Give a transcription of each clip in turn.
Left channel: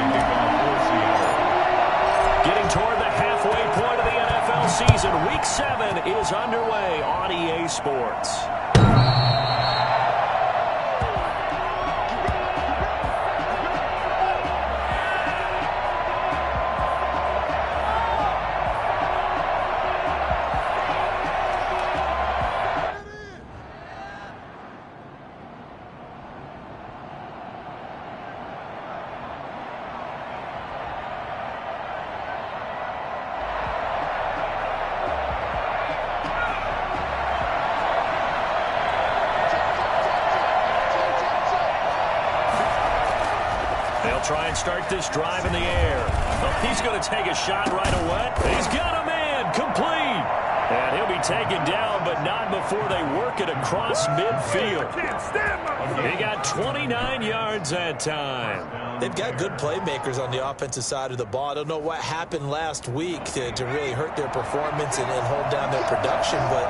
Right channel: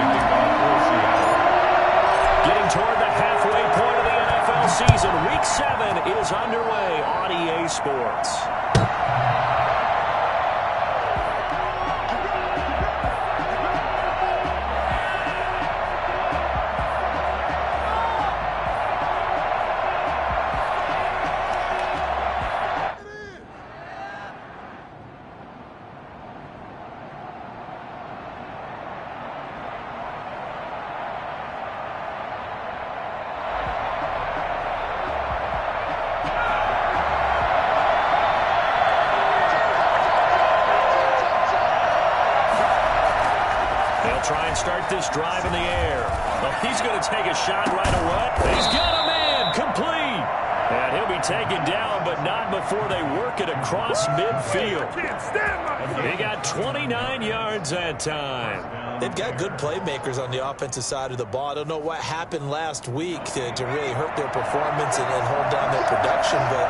the kickoff for Seattle. Getting toward the halfway point of the NFL season, Week 7 is underway on EA Sports. They'll try and start this drive in the air. Oh, he's going to take a shot right away. He's got a man complete. And he'll be taken down, but not before they work it across midfield. He got 29 yards that time. They've got good playmakers on the offensive side of the ball. I don't know what happened last week to really hurt their performance and hold down their production, but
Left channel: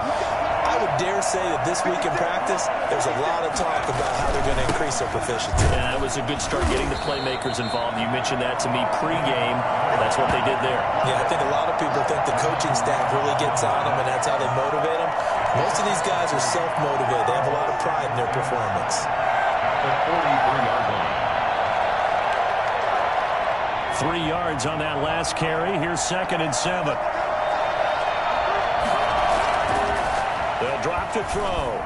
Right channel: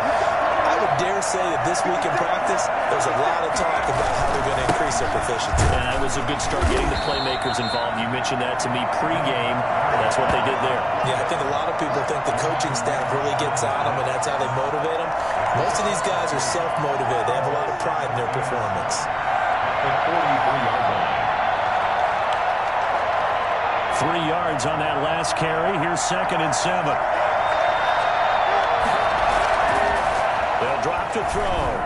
I would dare say that this week in practice, there's a lot of talk about how they're going to increase their proficiency. And that was a good start getting the playmakers involved. You mentioned that to me pregame. That's what they did there. Yeah, I think a lot of people think the coaching staff really gets on them, and that's how they motivate them. Most of these guys are self-motivated. They have a lot of pride in their performance. The 43-yard line. 3 yards on that last carry. Here's 2nd and 7. They'll drop to throw.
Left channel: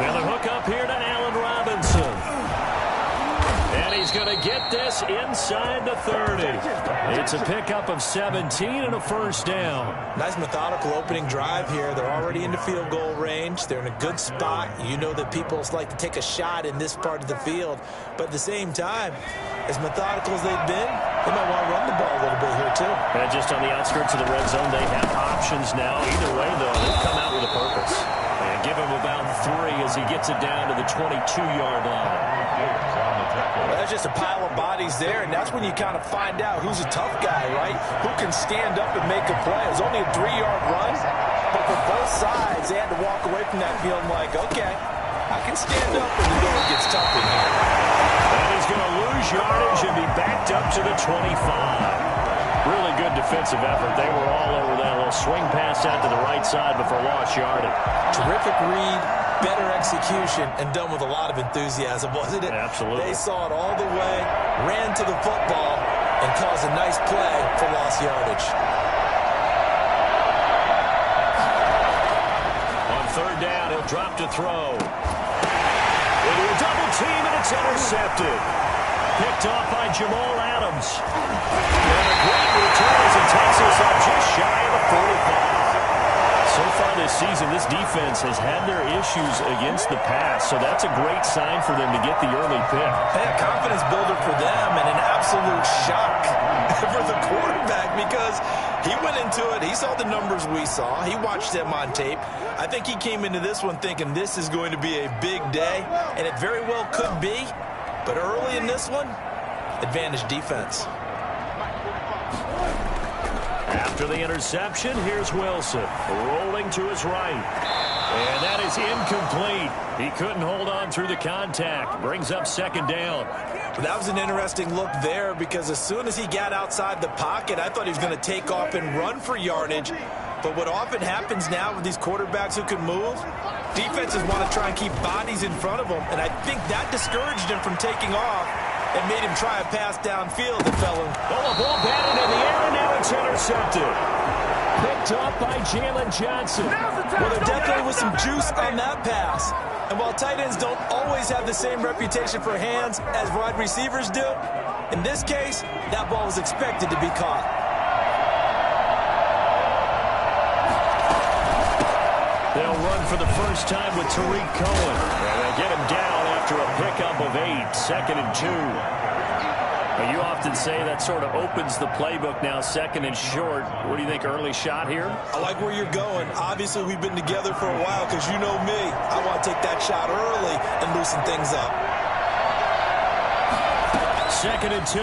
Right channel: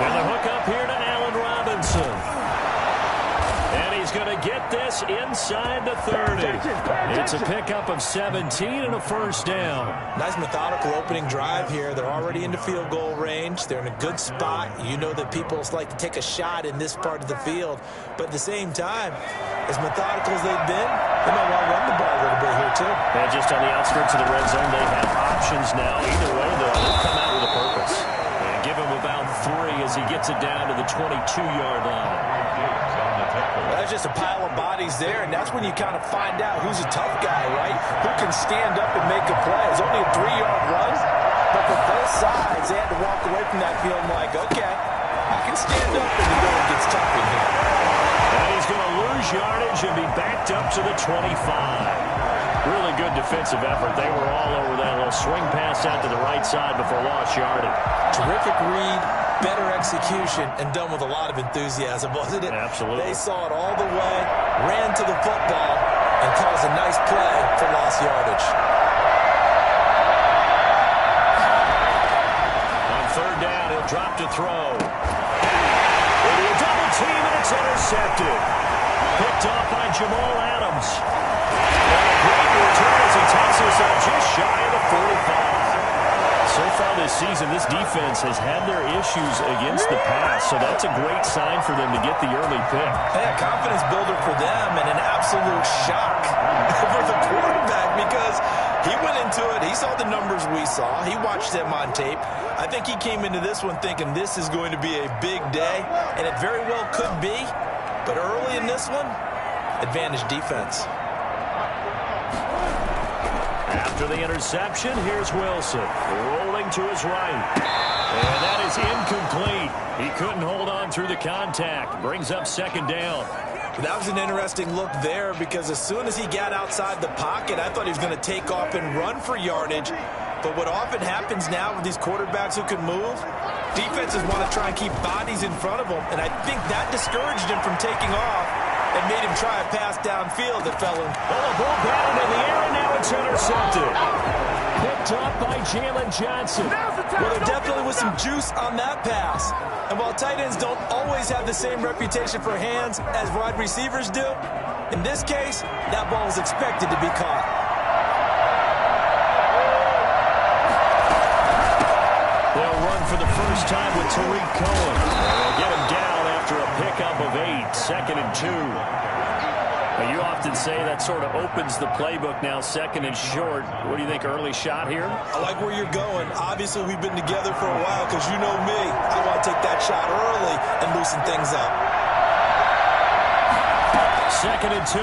Now the hook up here to Allen Robinson. And he's going to get this inside the 30. It's a pickup of 17 and a first down. Nice methodical opening drive here. They're already into field goal range. They're in a good spot. You know that people like to take a shot in this part of the field. But at the same time, as methodical as they've been, they might want to run the ball a little bit here too. And just on the outskirts of the red zone, they have options now. Either way, though, they've come out with a purpose. And give him about 3 as he gets it down to the 22-yard line. That's just a pile of bodies there, and that's when you kind of find out who's a tough guy, right? Who can stand up and make a play. It's only a 3-yard run, but for both sides, they had to walk away from that field like, okay, I can stand up when the going gets tough in here. And he's going to lose yardage and be backed up to the 25. Really good defensive effort. They were all over that little swing pass out to the right side before lost yardage. Terrific read, better execution, and done with a lot of enthusiasm, wasn't it? Absolutely. They saw it all the way, ran to the football, and caused a nice play for lost yardage. On 3rd down, he'll drop to throw. Into a double team, and it's intercepted. Picked off by Jamal Adams. And a great return as he takes us up just shy of the 45. So far this season, this defense has had their issues against the pass, so that's a great sign for them to get the early pick. Yeah, confidence builder for them and an absolute shock for the quarterback because he went into it. He saw the numbers we saw. He watched them on tape. I think he came into this one thinking this is going to be a big day, and it very well could be. But early in this one, advantage defense. After the interception, here's Wilson rolling to his right. And that is incomplete. He couldn't hold on through the contact. Brings up 2nd down. That was an interesting look there because as soon as he got outside the pocket, I thought he was going to take off and run for yardage. But what often happens now with these quarterbacks who can move, defenses want to try and keep bodies in front of them. And I think that discouraged him from taking off and made him try a pass downfield that fell in. Oh, the ball batted in the air, and now it's intercepted. Picked up by Jalen Johnson. Well, there definitely was some juice on that pass. And while tight ends don't always have the same reputation for hands as wide receivers do, in this case, that ball was expected to be caught. They'll run for the first time with Tariq Cohen. And they'll get him down after a pickup of 8, 2nd and 2. Now, you often say that sort of opens the playbook now, 2nd and short. What do you think, early shot here? I like where you're going. Obviously, we've been together for a while because you know me. I want to take that shot early and loosen things up. 2nd and 2.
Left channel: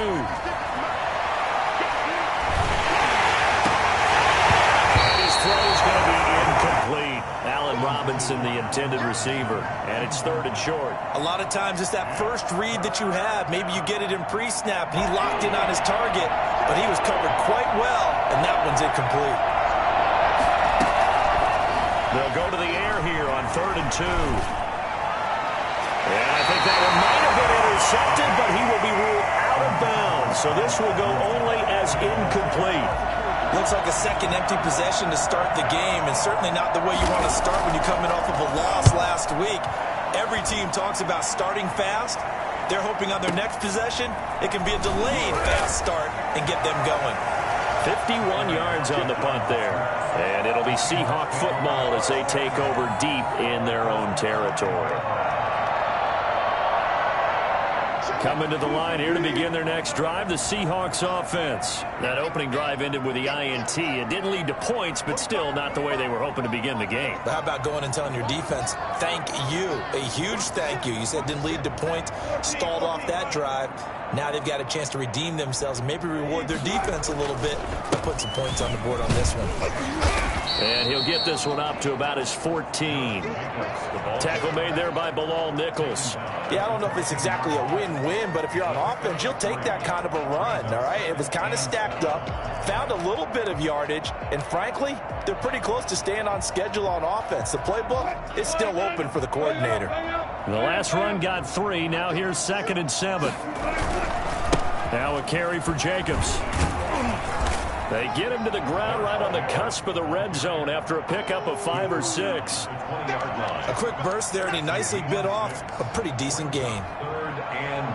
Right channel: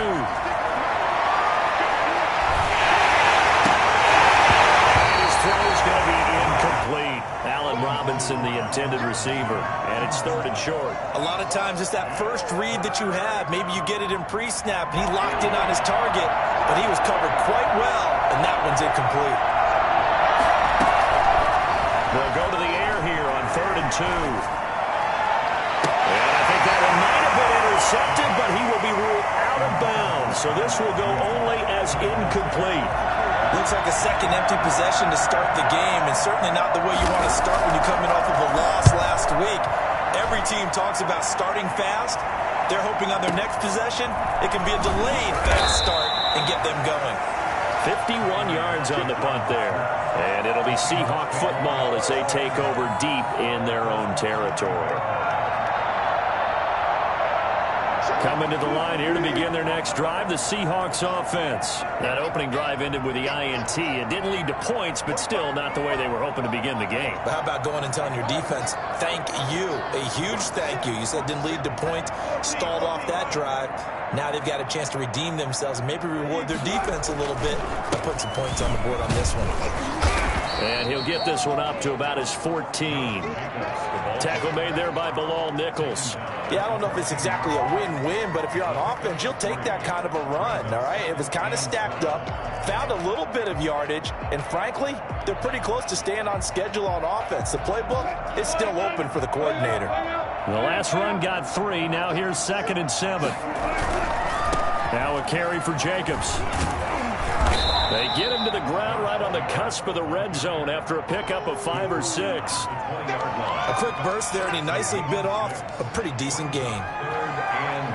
His throw is going to be incomplete. Allen Robinson, the intended receiver, and it's 3rd and short. A lot of times it's that first read that you have. Maybe you get it in pre-snap, and he locked in on his target, but he was covered quite well, and that one's incomplete. They'll go to the air here on 3rd and 2. And I think that one might have been intercepted, but he will be ruled out of bounds. So this will go only as incomplete. Looks like a second empty possession to start the game, and certainly not the way you want to start when you're coming off of a loss last week. Every team talks about starting fast. They're hoping on their next possession, it can be a delayed fast start and get them going. 51 yards on the punt there. And it'll be Seahawk football as they take over deep in their own territory. Coming to the line here to begin their next drive, the Seahawks offense. That opening drive ended with the INT. It didn't lead to points, but still not the way they were hoping to begin the game. But how about going and telling your defense, thank you, a huge thank you. You said didn't lead to points, stalled off that drive. Now they've got a chance to redeem themselves and maybe reward their defense a little bit by putting some points on the board on this one. And he'll get this one up to about his 14. Tackle made there by Bilal Nichols. Yeah, I don't know if it's exactly a win-win, but if you're on offense, you'll take that kind of a run, all right? It was kind of stacked up, found a little bit of yardage, and frankly, they're pretty close to staying on schedule on offense. The playbook is still open for the coordinator. The last run got 3. Now here's 2nd and 7. Now a carry for Jacobs. They get him to the ground right on the cusp of the red zone after a pickup of 5 or 6. A quick burst there, and he nicely bit off a pretty decent gain. 3rd and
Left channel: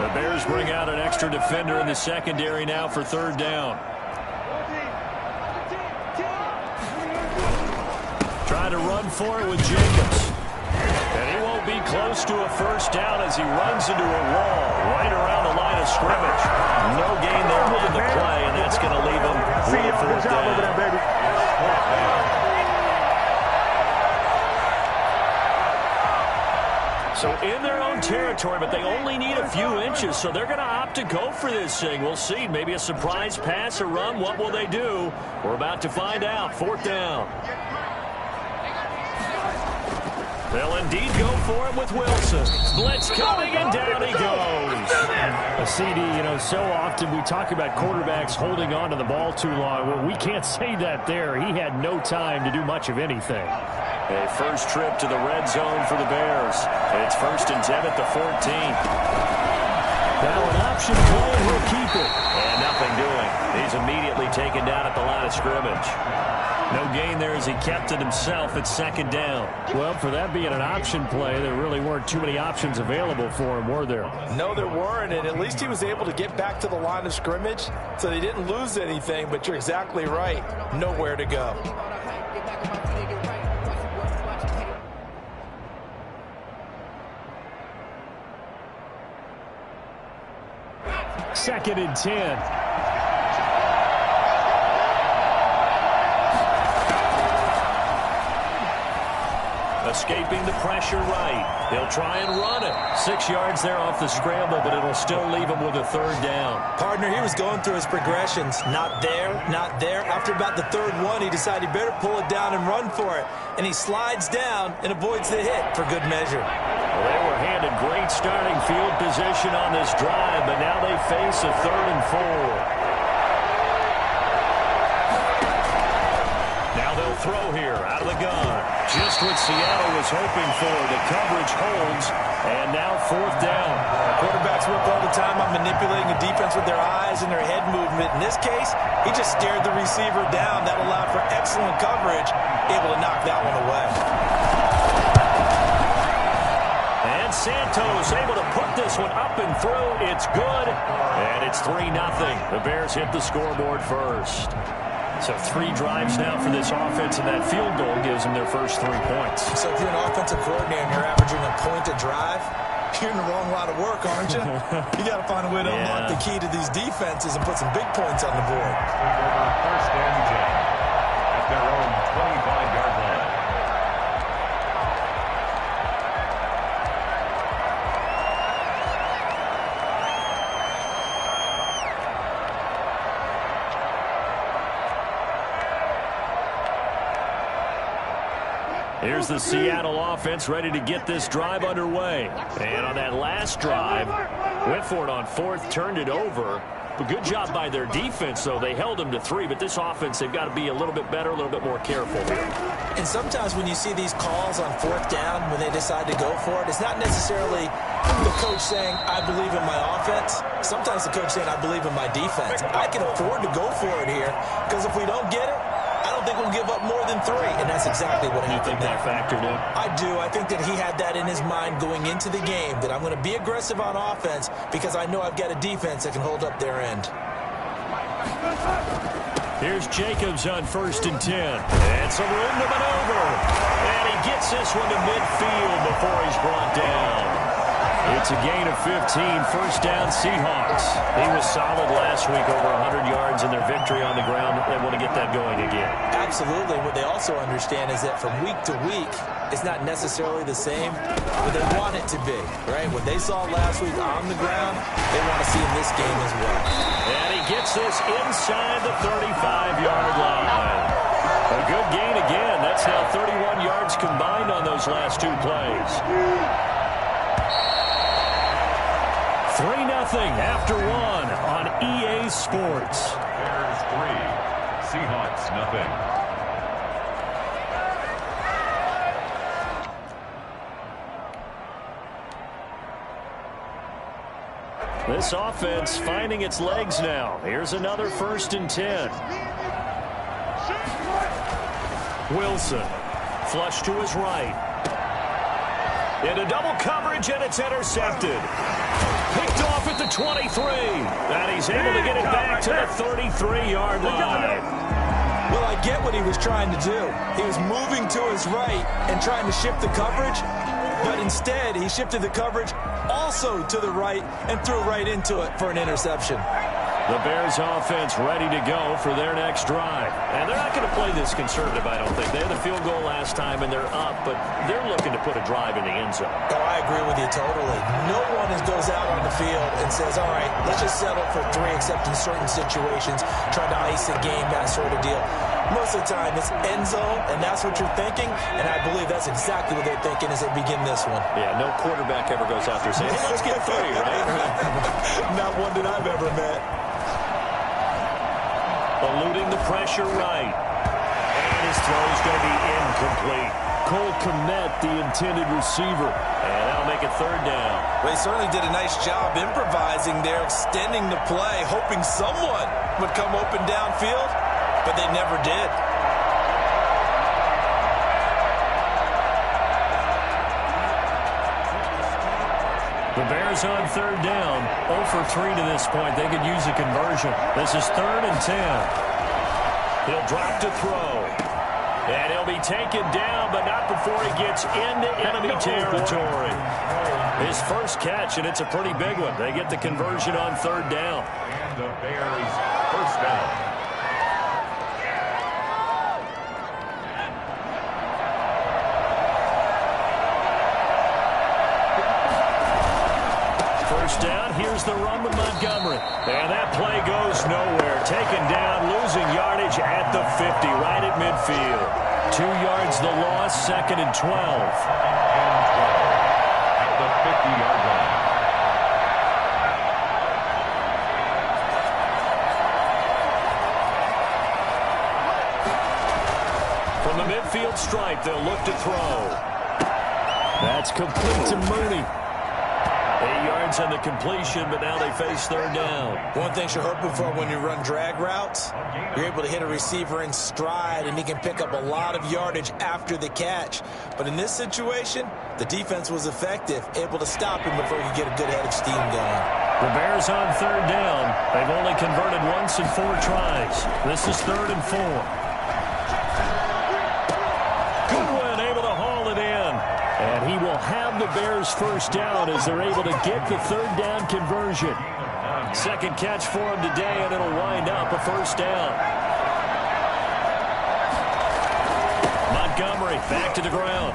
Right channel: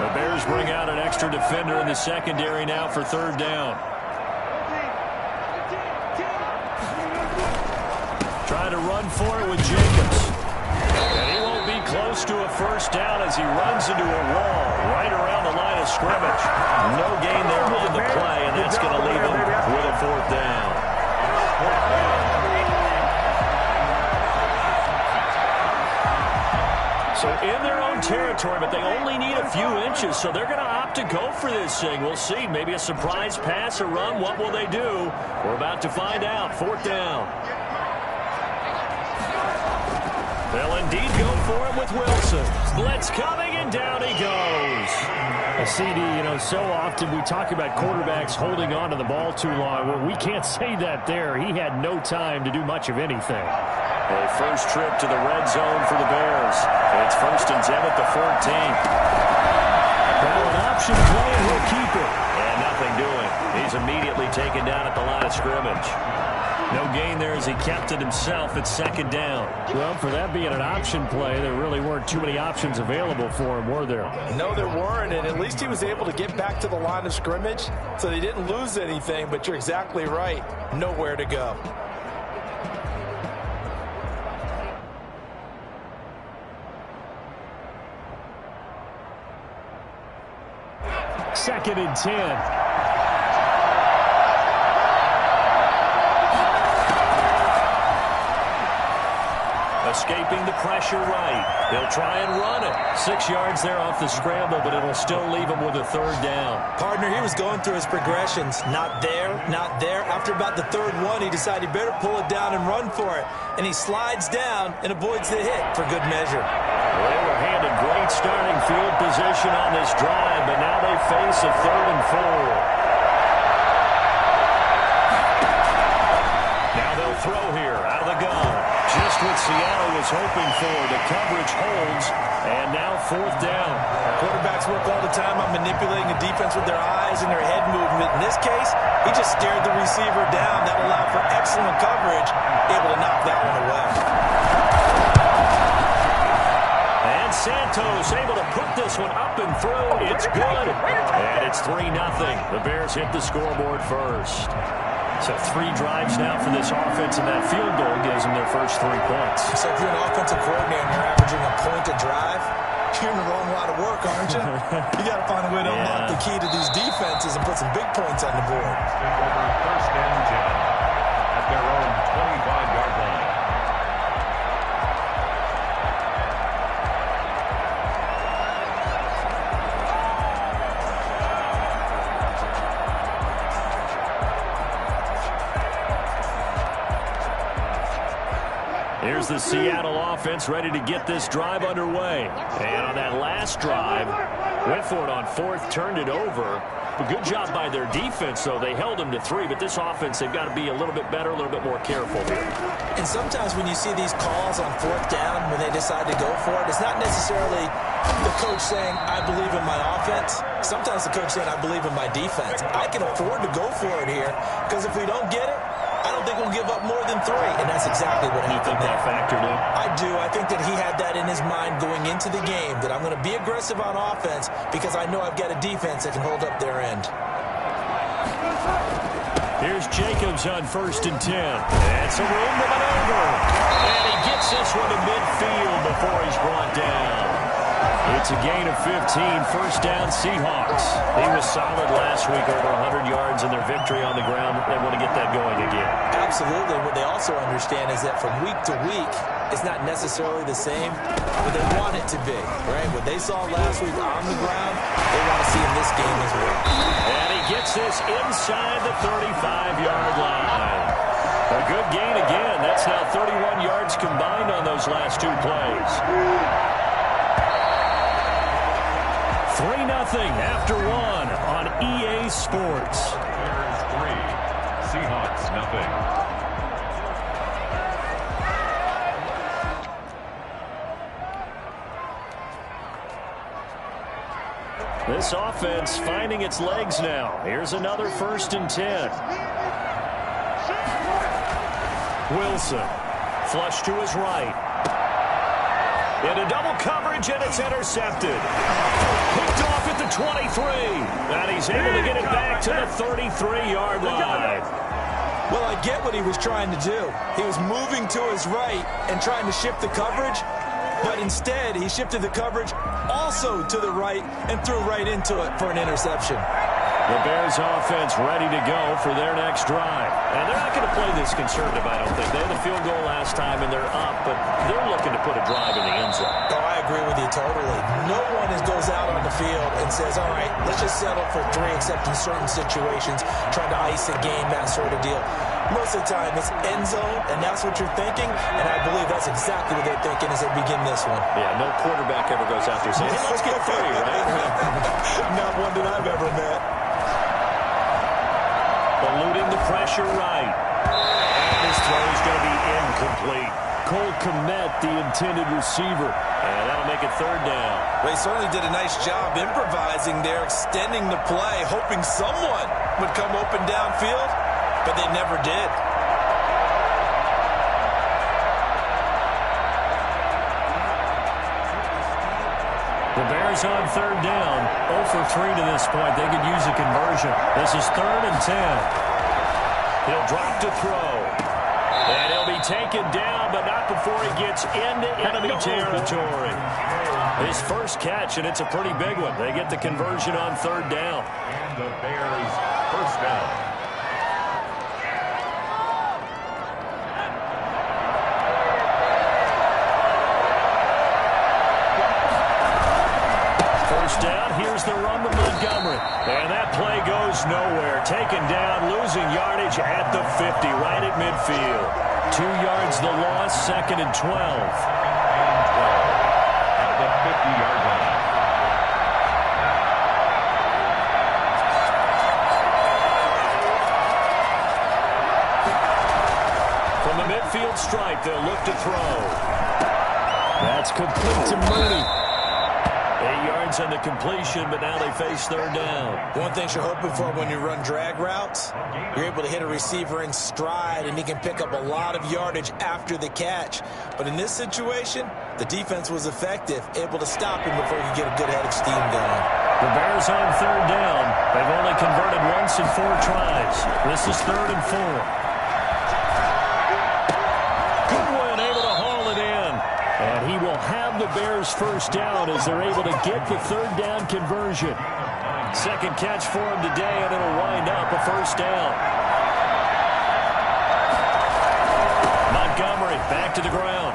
1. The Bears bring out an extra defender in the secondary now for 3rd down. Trying to run for it with Jacobs. And he won't be close to a first down as he runs into a wall right around the line of scrimmage. No gain there on the play, and that's going to leave him with a 4th down. So in their own territory, but they only need a few inches, so they're going to opt to go for this thing. We'll see. Maybe a surprise pass or run. What will they do? We're about to find out. 4th down. They'll indeed go for it with Wilson. Blitz coming, and down he goes. A CD, so often we talk about quarterbacks holding on to the ball too long. Well, we can't say that there. He had no time to do much of anything. A first trip to the red zone for the Bears. It's 1st and 10 at the 14. Now an option play, and he'll keep it. And nothing doing. He's immediately taken down at the line of scrimmage. No gain there as he kept it himself at 2nd down. Well, for that being an option play, there really weren't too many options available for him, were there? No, there weren't, and at least he was able to get back to the line of scrimmage, so they didn't lose anything, but you're exactly right. Nowhere to go. Second and 10. Escaping the pressure right. He'll try and run it. 6 yards there off the scramble, but it'll still leave him with a 3rd down. Partner, he was going through his progressions. Not there, not there. After about the 3rd one, he decided he better pull it down and run for it. And he slides down and avoids the hit for good measure. Well, they were handed great starting field position on this drive, but now they face a 3rd and 4. Now they'll throw here out of the gun. Just what Seattle was hoping for. The coverage holds, and now 4th down. Quarterbacks work all the time on manipulating the defense with their eyes and their head movement. In this case, he just stared the receiver down. That allowed for excellent coverage, able to knock that one away. And Santos able to put this one up and through. It's good, and it's 3-0. The Bears hit the scoreboard first. So 3 drives now for this offense, and that field goal gives them their first 3 points. So if you're an offensive coordinator and you're averaging a point a drive, you're in the wrong line of work, aren't you? You got to find a way to unlock the key to these defenses and put some big points on the board. Take over 1st and 10 at their own 25-yard line. Here's the Seattle offense ready to get this drive underway. And on that last drive, went for it on fourth, turned it over. But good job by their defense, though. They held them to 3, but this offense, they've got to be a little bit better, a little bit more careful here. And sometimes when you see these calls on fourth down, when they decide to go for it, it's not necessarily the coach saying, I believe in my offense. Sometimes the coach saying, I believe in my defense. I can afford to go for it here, because if we don't get it, I don't think we'll give up more than 3, and that's exactly what happened there. You think that factored in? I do. I think that he had that in his mind going into the game, that I'm going to be aggressive on offense because I know I've got a defense that can hold up their end. Here's Jacobs on 1st and 10. And some room to maneuver. And he gets this one to midfield before he's brought down. It's a gain of 15, first down Seahawks. He was solid last week, over 100 yards in their victory on the ground. They want to get that going again. Absolutely. What they also understand is that from week to week, it's not necessarily the same, but they want it to be, right? What they saw last week on the ground, they want to see in this game as well. And he gets this inside the 35-yard line. A good gain again. That's now 31 yards combined on those last 2 plays. 3-0 after 1 on EA Sports. Bears 3, Seahawks nothing. This offense finding its legs now. Here's another 1st and 10. Wilson, flush to his right. Into double coverage, and it's intercepted. Picked off at the 23. And he's able to get it back to the 33-yard line. Well, I get what he was trying to do. He was moving to his right and trying to shift the coverage, but instead he shifted the coverage also to the right and threw right into it for an interception. The Bears offense ready to go for their next drive. And they're not going to play this conservative, I don't think. They had the field goal last time, and they're up, but they're looking to put a drive in the end zone. Oh, I agree with you totally. No one goes out on the field and says, all right, let's just settle for 3, except in certain situations, trying to ice a game, that sort of deal. Most of the time, it's end zone, and that's what you're thinking, and I believe that's exactly what they're thinking as they begin this one. Yeah, no quarterback ever goes out there saying, hey, let's get 3, right? Not one that I've ever met. Eluding the pressure right. And his throw is going to be incomplete. Cole Kmet, the intended receiver. And that'll make it 3rd down. Well, he certainly did a nice job improvising there, extending the play, hoping someone would come open downfield, but they never did. The Bears on 3rd down. 0 for 3 to this point. They could use a conversion. This is 3rd and 10. He'll drop to throw. And he'll be taken down, but not before he gets into enemy territory. His first catch, and it's a pretty big one. They get the conversion on 3rd down. And the Bears first down. First down, here's the run with Montgomery. And that play goes nowhere. Taken down, losing yardage at the 50, right at midfield. 2 yards the loss, 2nd and 12. 2nd and 12 at the 50-yard line. From the midfield stripe, they'll look to throw. That's complete to Mooney. 8 yards on the completion, but now they face 3rd down. One thing you're hoping for when you run drag routes, you're able to hit a receiver in stride, and he can pick up a lot of yardage after the catch. But in this situation, the defense was effective, able to stop him before he could get a good head of steam going. The Bears on 3rd down. They've only converted once in 4 tries. This is 3rd and 4. Goodwin able to haul it in. And he will have the Bears first down as they're able to get the 3rd down conversion. Second catch for him today, and it'll wind up a first down. Montgomery back to the ground.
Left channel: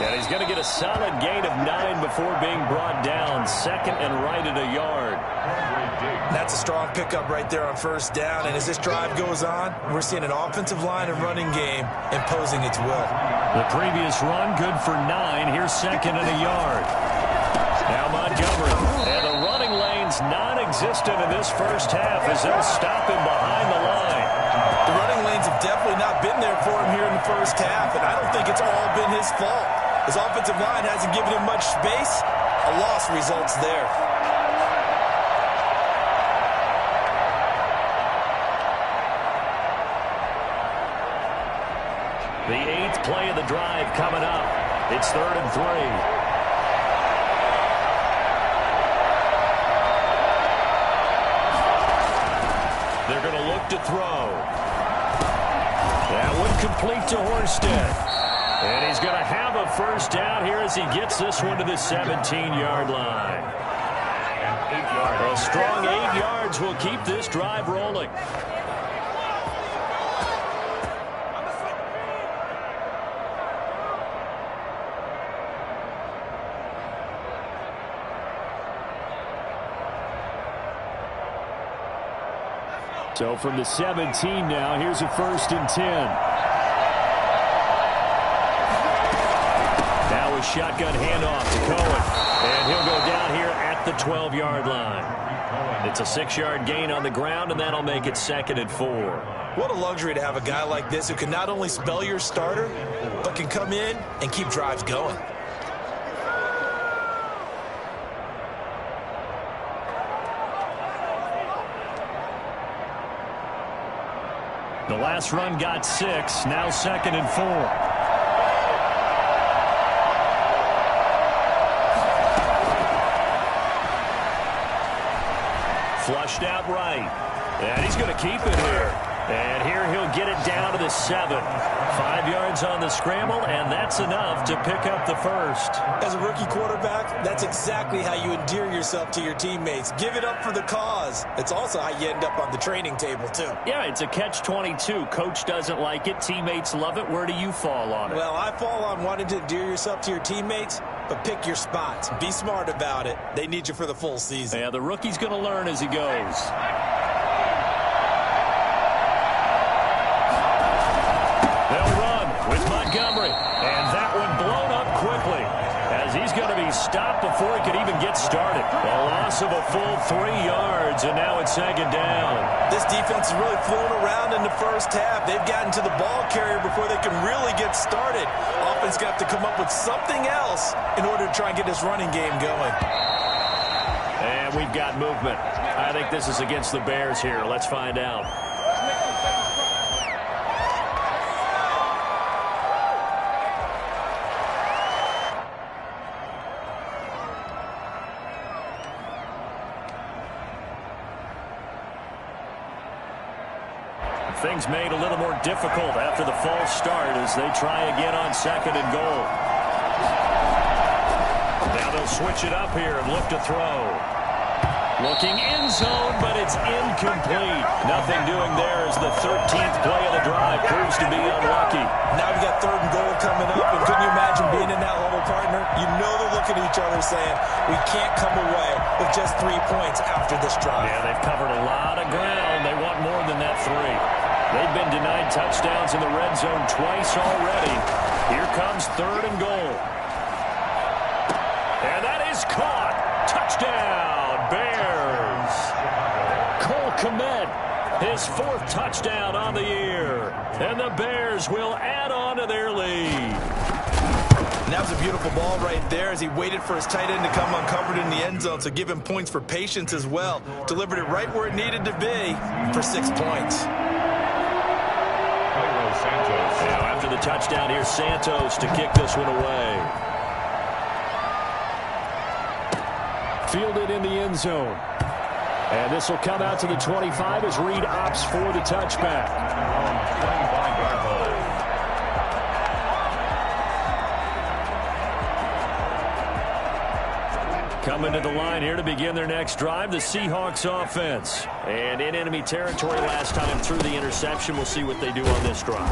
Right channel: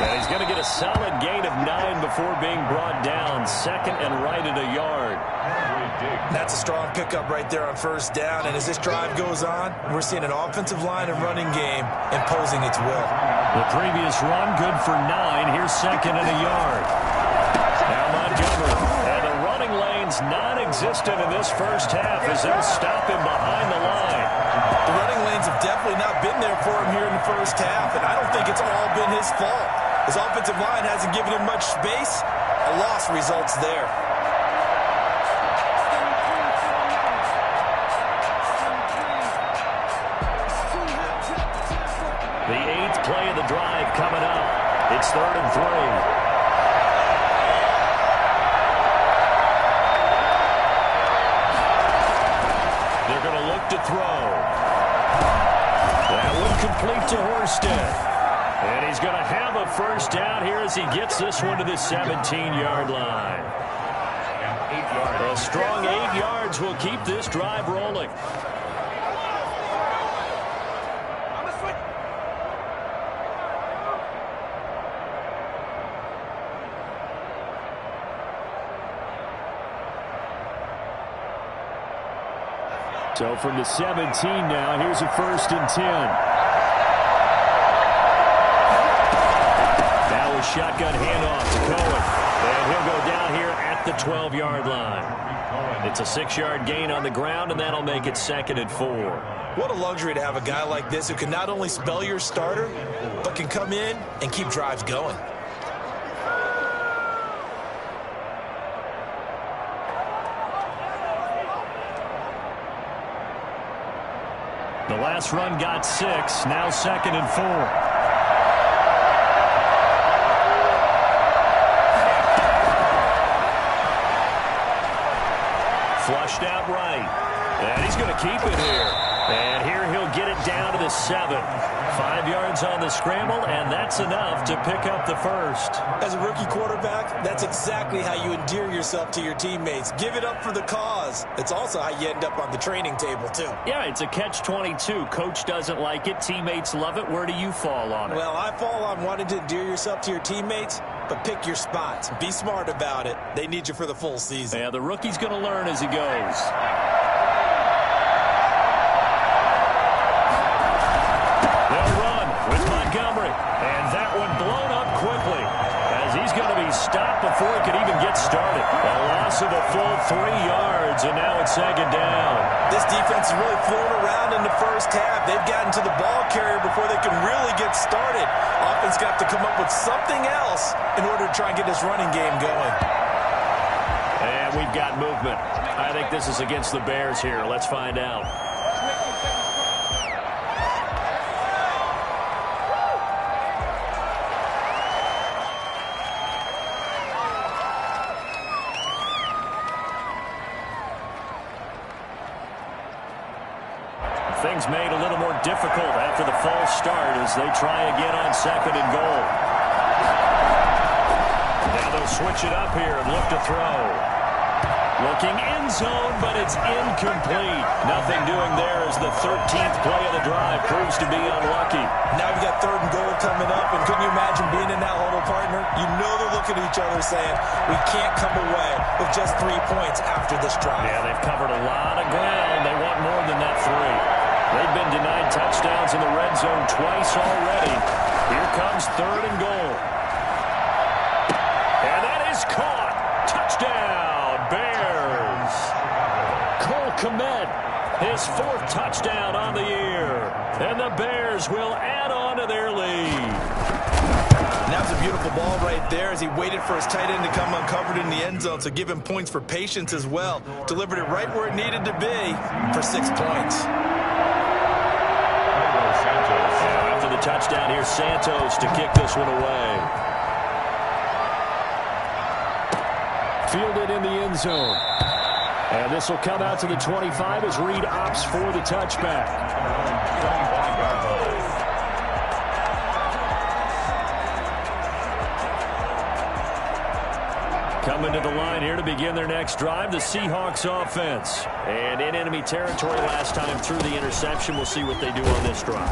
And he's going to get a solid gain of 9 before being brought down. Second and right at a yard. That's a strong pickup right there on first down. And as this drive goes on, we're seeing an offensive line and running game imposing its will. The previous run, good for 9. Here's second and a yard. Now Montgomery. And the running lane's non-existent in this first half as they'll stop him behind the line. The running lanes have definitely not been there for him here in the first half, and I don't think it's all been his fault. His offensive line hasn't given him much space. A loss results there. The 8th play of the drive coming up. It's 3rd and 3. They're going to look to throw. That one complete to Horsted. And he's going to have a first down here as he gets this one to the 17-yard line. A strong 8 yards will keep this drive rolling. So from the 17 now, here's a 1st and 10. Now a shotgun handoff to Cohen. And he'll go down here at the 12-yard line. It's a 6-yard gain on the ground, and that'll make it 2nd and 4. What a luxury to have a guy like this who can not only spell your starter, but can come in and keep drives going. The last run got 6. Now 2nd and 4. Flushed out right. And he's going to keep it here. And here he'll get it down to the 7. 5 yards on the scramble, and that's enough to pick up the first. As a rookie quarterback, that's exactly how you endear yourself to your teammates. Give it up for the cause. It's also how you end up on the training table, too. Yeah, it's a catch-22. Coach doesn't like it. Teammates love it. Where do you fall on it? Well, I fall on wanting to endear yourself to your teammates, but pick your spots. Be smart about it. They need you for the full season. Yeah, the rookie's going to learn as he goes. They'll run with Montgomery. And that one blown up quickly as he's going to be stopped before he could even get started. A loss of a full 3 yards, and now it's 2nd down. This defense is really flown around in the first half. They've gotten to the ball carrier before they can really get started. Offense got to come up with something else in order to try and get this running game going. And we've got movement. I think this is against the Bears here. Let's find out. Things made a little more difficult after the false start as they try again on 2nd and goal. Now they'll switch it up here and look to throw. Looking end zone, but it's incomplete. Nothing doing there as the 13th play of the drive proves to be unlucky. Now we've got 3rd and goal coming up, and couldn't you imagine being in that huddle, partner? You know they're looking at each other saying, we can't come away with just 3 points after this drive. Yeah, they've covered a lot of ground. They want more than that 3. They've been denied touchdowns in the red zone twice already. Here comes 3rd and goal. And that is caught. Touchdown, Bears. Cole Kmet, his 4th touchdown on the year. And the Bears will add on to their lead. And that was a beautiful ball right there as he waited for his tight end to come uncovered in the end zone. So give him points for patience as well. Delivered it right where it needed to be for 6 points. Now after the touchdown, here's Santos to kick this one away. Fielded in the end zone. And this will come out to the 25 as Reed opts for the touchback. Coming to the line here to begin their next drive, the Seahawks offense. And in enemy territory last time through the interception. We'll see what they do on this drive.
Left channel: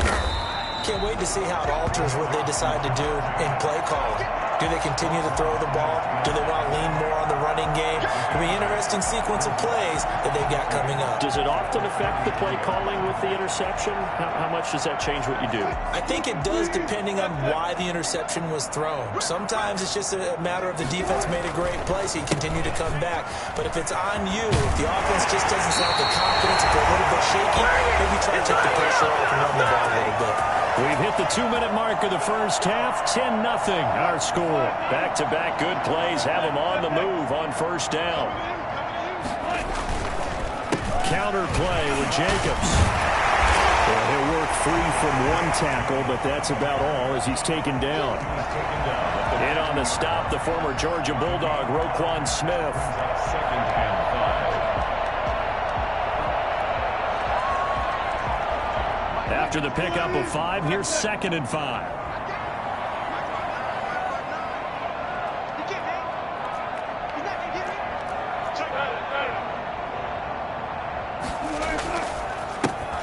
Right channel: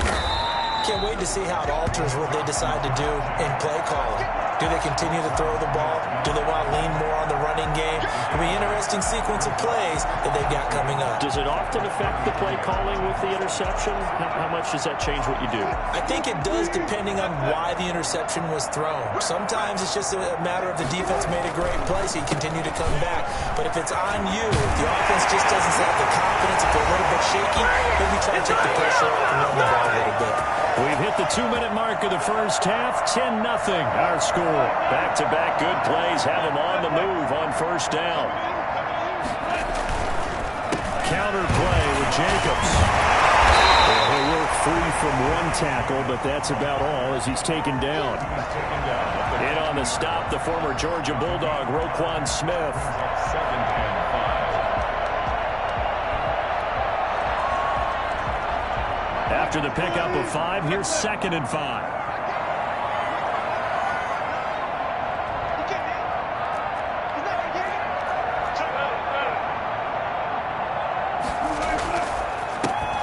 Can't wait to see how it alters what they decide to do in play calling. Do they continue to throw the ball? Do they want to lean more on the running game? It'll be an interesting sequence of plays that they've got coming up. Does it often affect the play calling with the interception? How much does that change what you do? I think it does depending on why the interception was thrown. Sometimes it's just a matter of the defense made a great play, so you continue to come back. But if it's on you, if the offense just doesn't have the confidence, if they're a little bit shaky, maybe try to take the pressure off and run the ball a little bit. We've hit the 2-minute mark of the first half. 10-0 our score. Back-to-back good plays have them on the move on first down. Counter play with Jacobs. Well, he'll work free from one tackle, but that's about all as he's taken down. In on the stop, the former Georgia Bulldog, Roquan Smith. Second and 5. After the pickup of 5, here's 2nd and 5.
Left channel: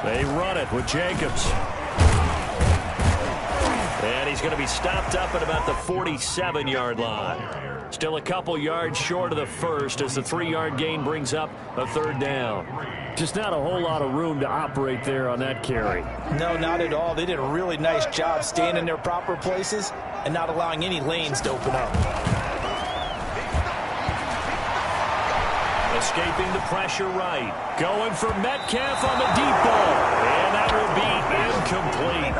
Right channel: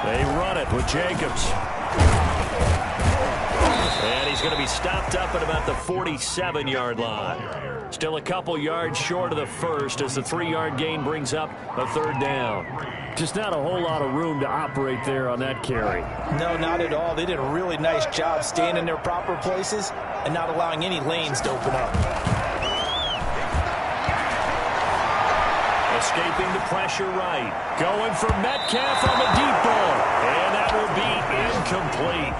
They run it with Jacobs. And he's going to be stopped up at about the 47-yard line. Still a couple yards short of the first as the 3-yard gain brings up a 3rd down. Just not a whole lot of room to operate there on that carry. No, not at all. They did a really nice job staying in their proper places and not allowing any lanes to open up. Escaping the pressure right. Going for Metcalf on the deep ball. And that will be incomplete.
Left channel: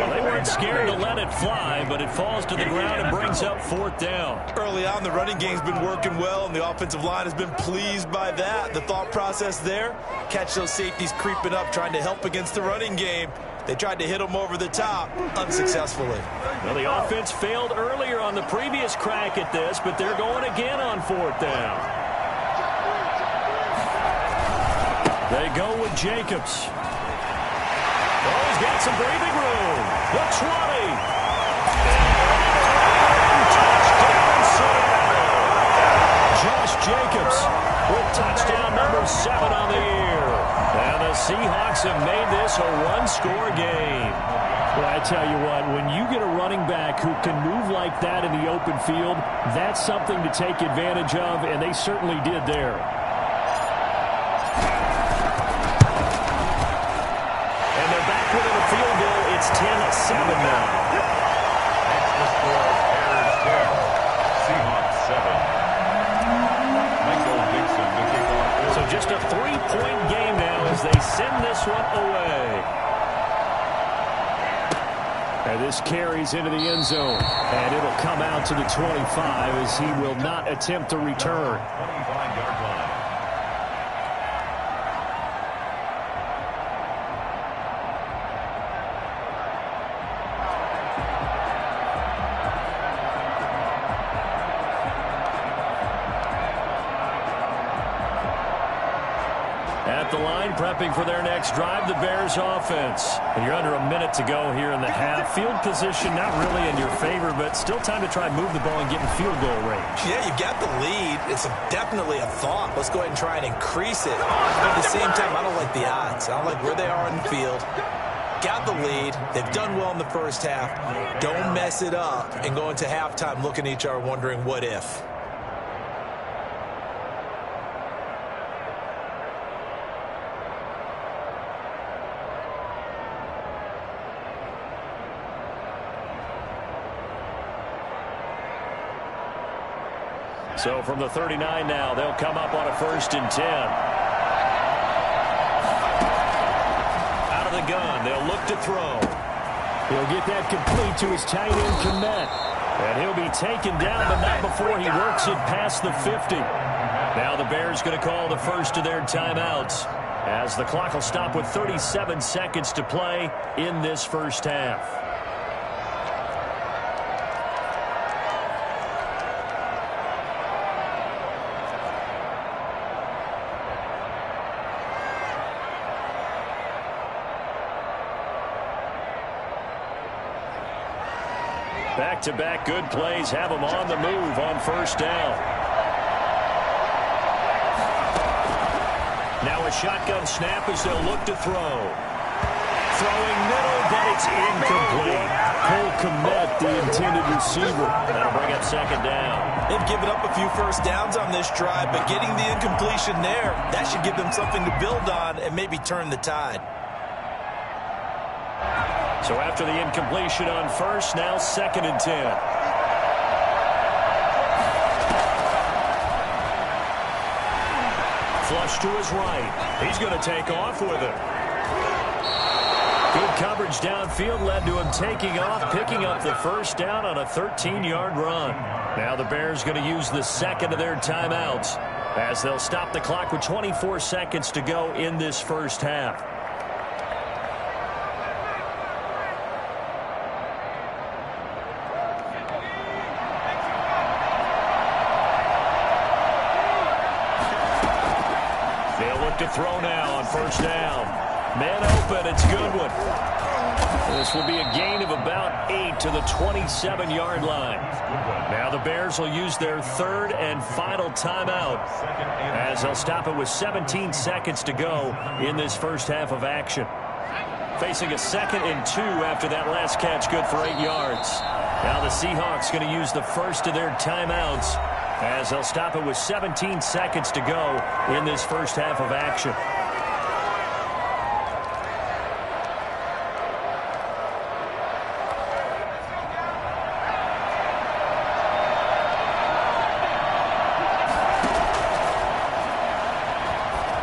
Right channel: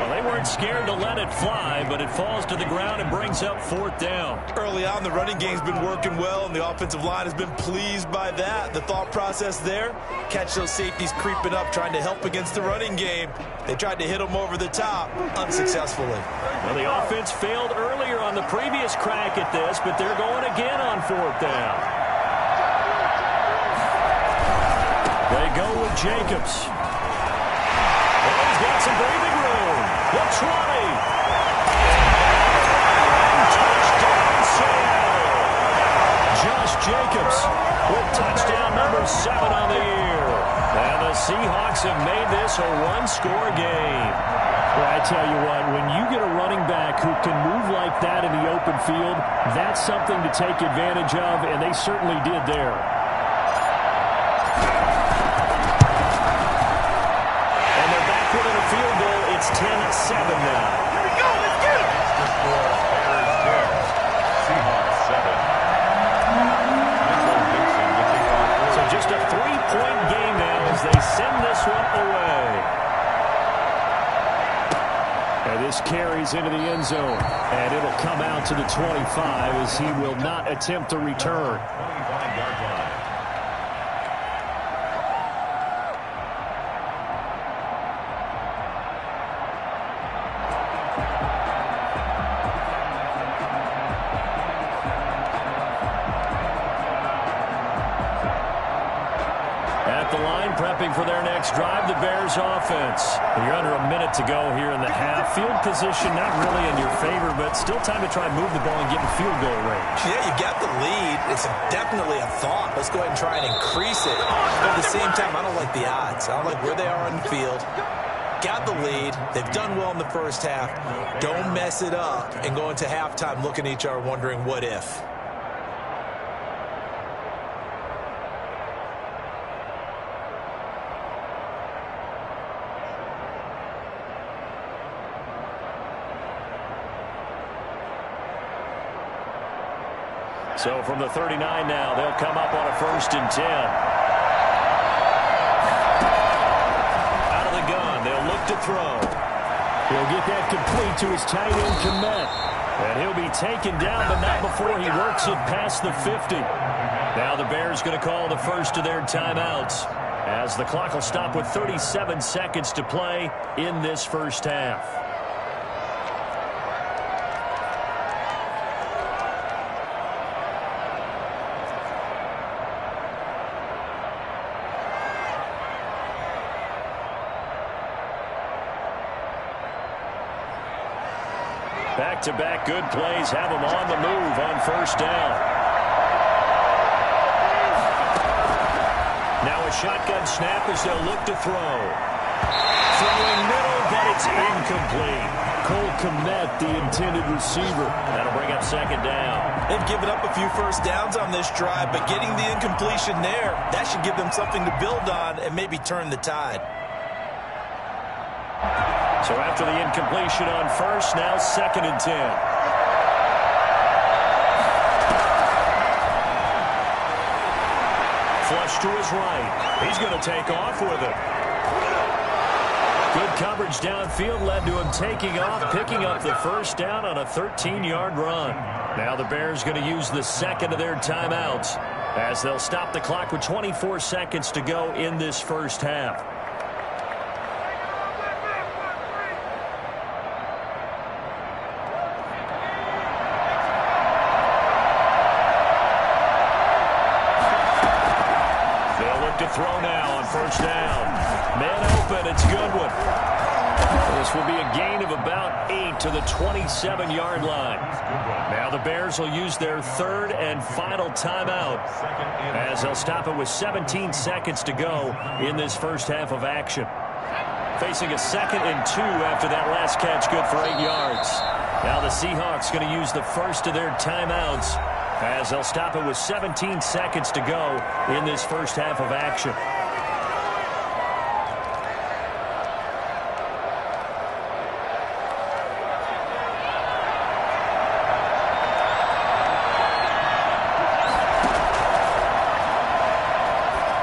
Well, they weren't scared to let it fly, but it falls to the ground and brings up 4th down. Early on, the running game's been working well, and the offensive line has been pleased by that. The thought process there, catch those safeties creeping up, trying to help against the running game. They tried to hit them over the top, unsuccessfully. Well, the offense failed earlier on the previous crack at this, but they're going again on 4th down. They go with Jacobs. Oh, he's got some breathing room. The 20. And touchdown, Seattle. Josh Jacobs with touchdown number 7 on the year. And the Seahawks have made this a 1-score game. Well, I tell you what, when you get a running back who can move like that in the open field, that's something to take advantage of, and they certainly did there. Within a field goal, it's 10-7 now. Makes the score Bears 10, Seahawks 7. Michael Dixon to kick off. So just a 3-point game now as they send this one away. And this carries into the end zone. And it'll come out to the 25 as he will not attempt to return. 25-yard line. At the line, prepping for their next drive, the Bears offense. And you're under a minute to go here in the half. Field position not really in your favor, but still time to try and move the ball and get in field goal range. Yeah, you got the lead. It's definitely a thought. Let's go ahead and try and increase it. But at the same time, I don't like the odds. I don't like where they are on the field. Got the lead. They've done well in the first half. Don't mess it up and go into halftime looking at each other wondering what if. So from the 39 now, they'll come up on a 1st and 10. Out of the gun, they'll look to throw. He'll get that complete to his tight end, Komet. And he'll be taken down, but not before he works it past the 50. Now the Bears going to call the first of their timeouts as the clock will stop with 37 seconds to play in this first half. Back-to-back good plays have them on the move on 1st down. Now a shotgun snap as they'll look to throw. throwing middle, but it's incomplete. Cole Kmet, the intended receiver. That'll bring up second down. They've given up a few first downs on this drive, but getting the incompletion there, that should give them something to build on and maybe turn the tide. So after the incompletion on first, now 2nd and 10. Flush to his right. He's going to take off with it. Good coverage downfield led to him taking off, picking up the first down on a 13-yard run. Now the Bears going to use the second of their timeouts as they'll stop the clock with 24 seconds to go in this first half. They'll look to throw now on first down. Man open, it's Goodwin. This will be a gain of about 8 to the 27-yard line. Now the Bears will use their 3rd and final timeout as they'll stop it with 17 seconds to go in this first half of action. Facing a 2nd and 2 after that last catch, good for 8 yards. Now the Seahawks going to use the first of their timeouts as they'll stop it with 17 seconds to go in this first half of action.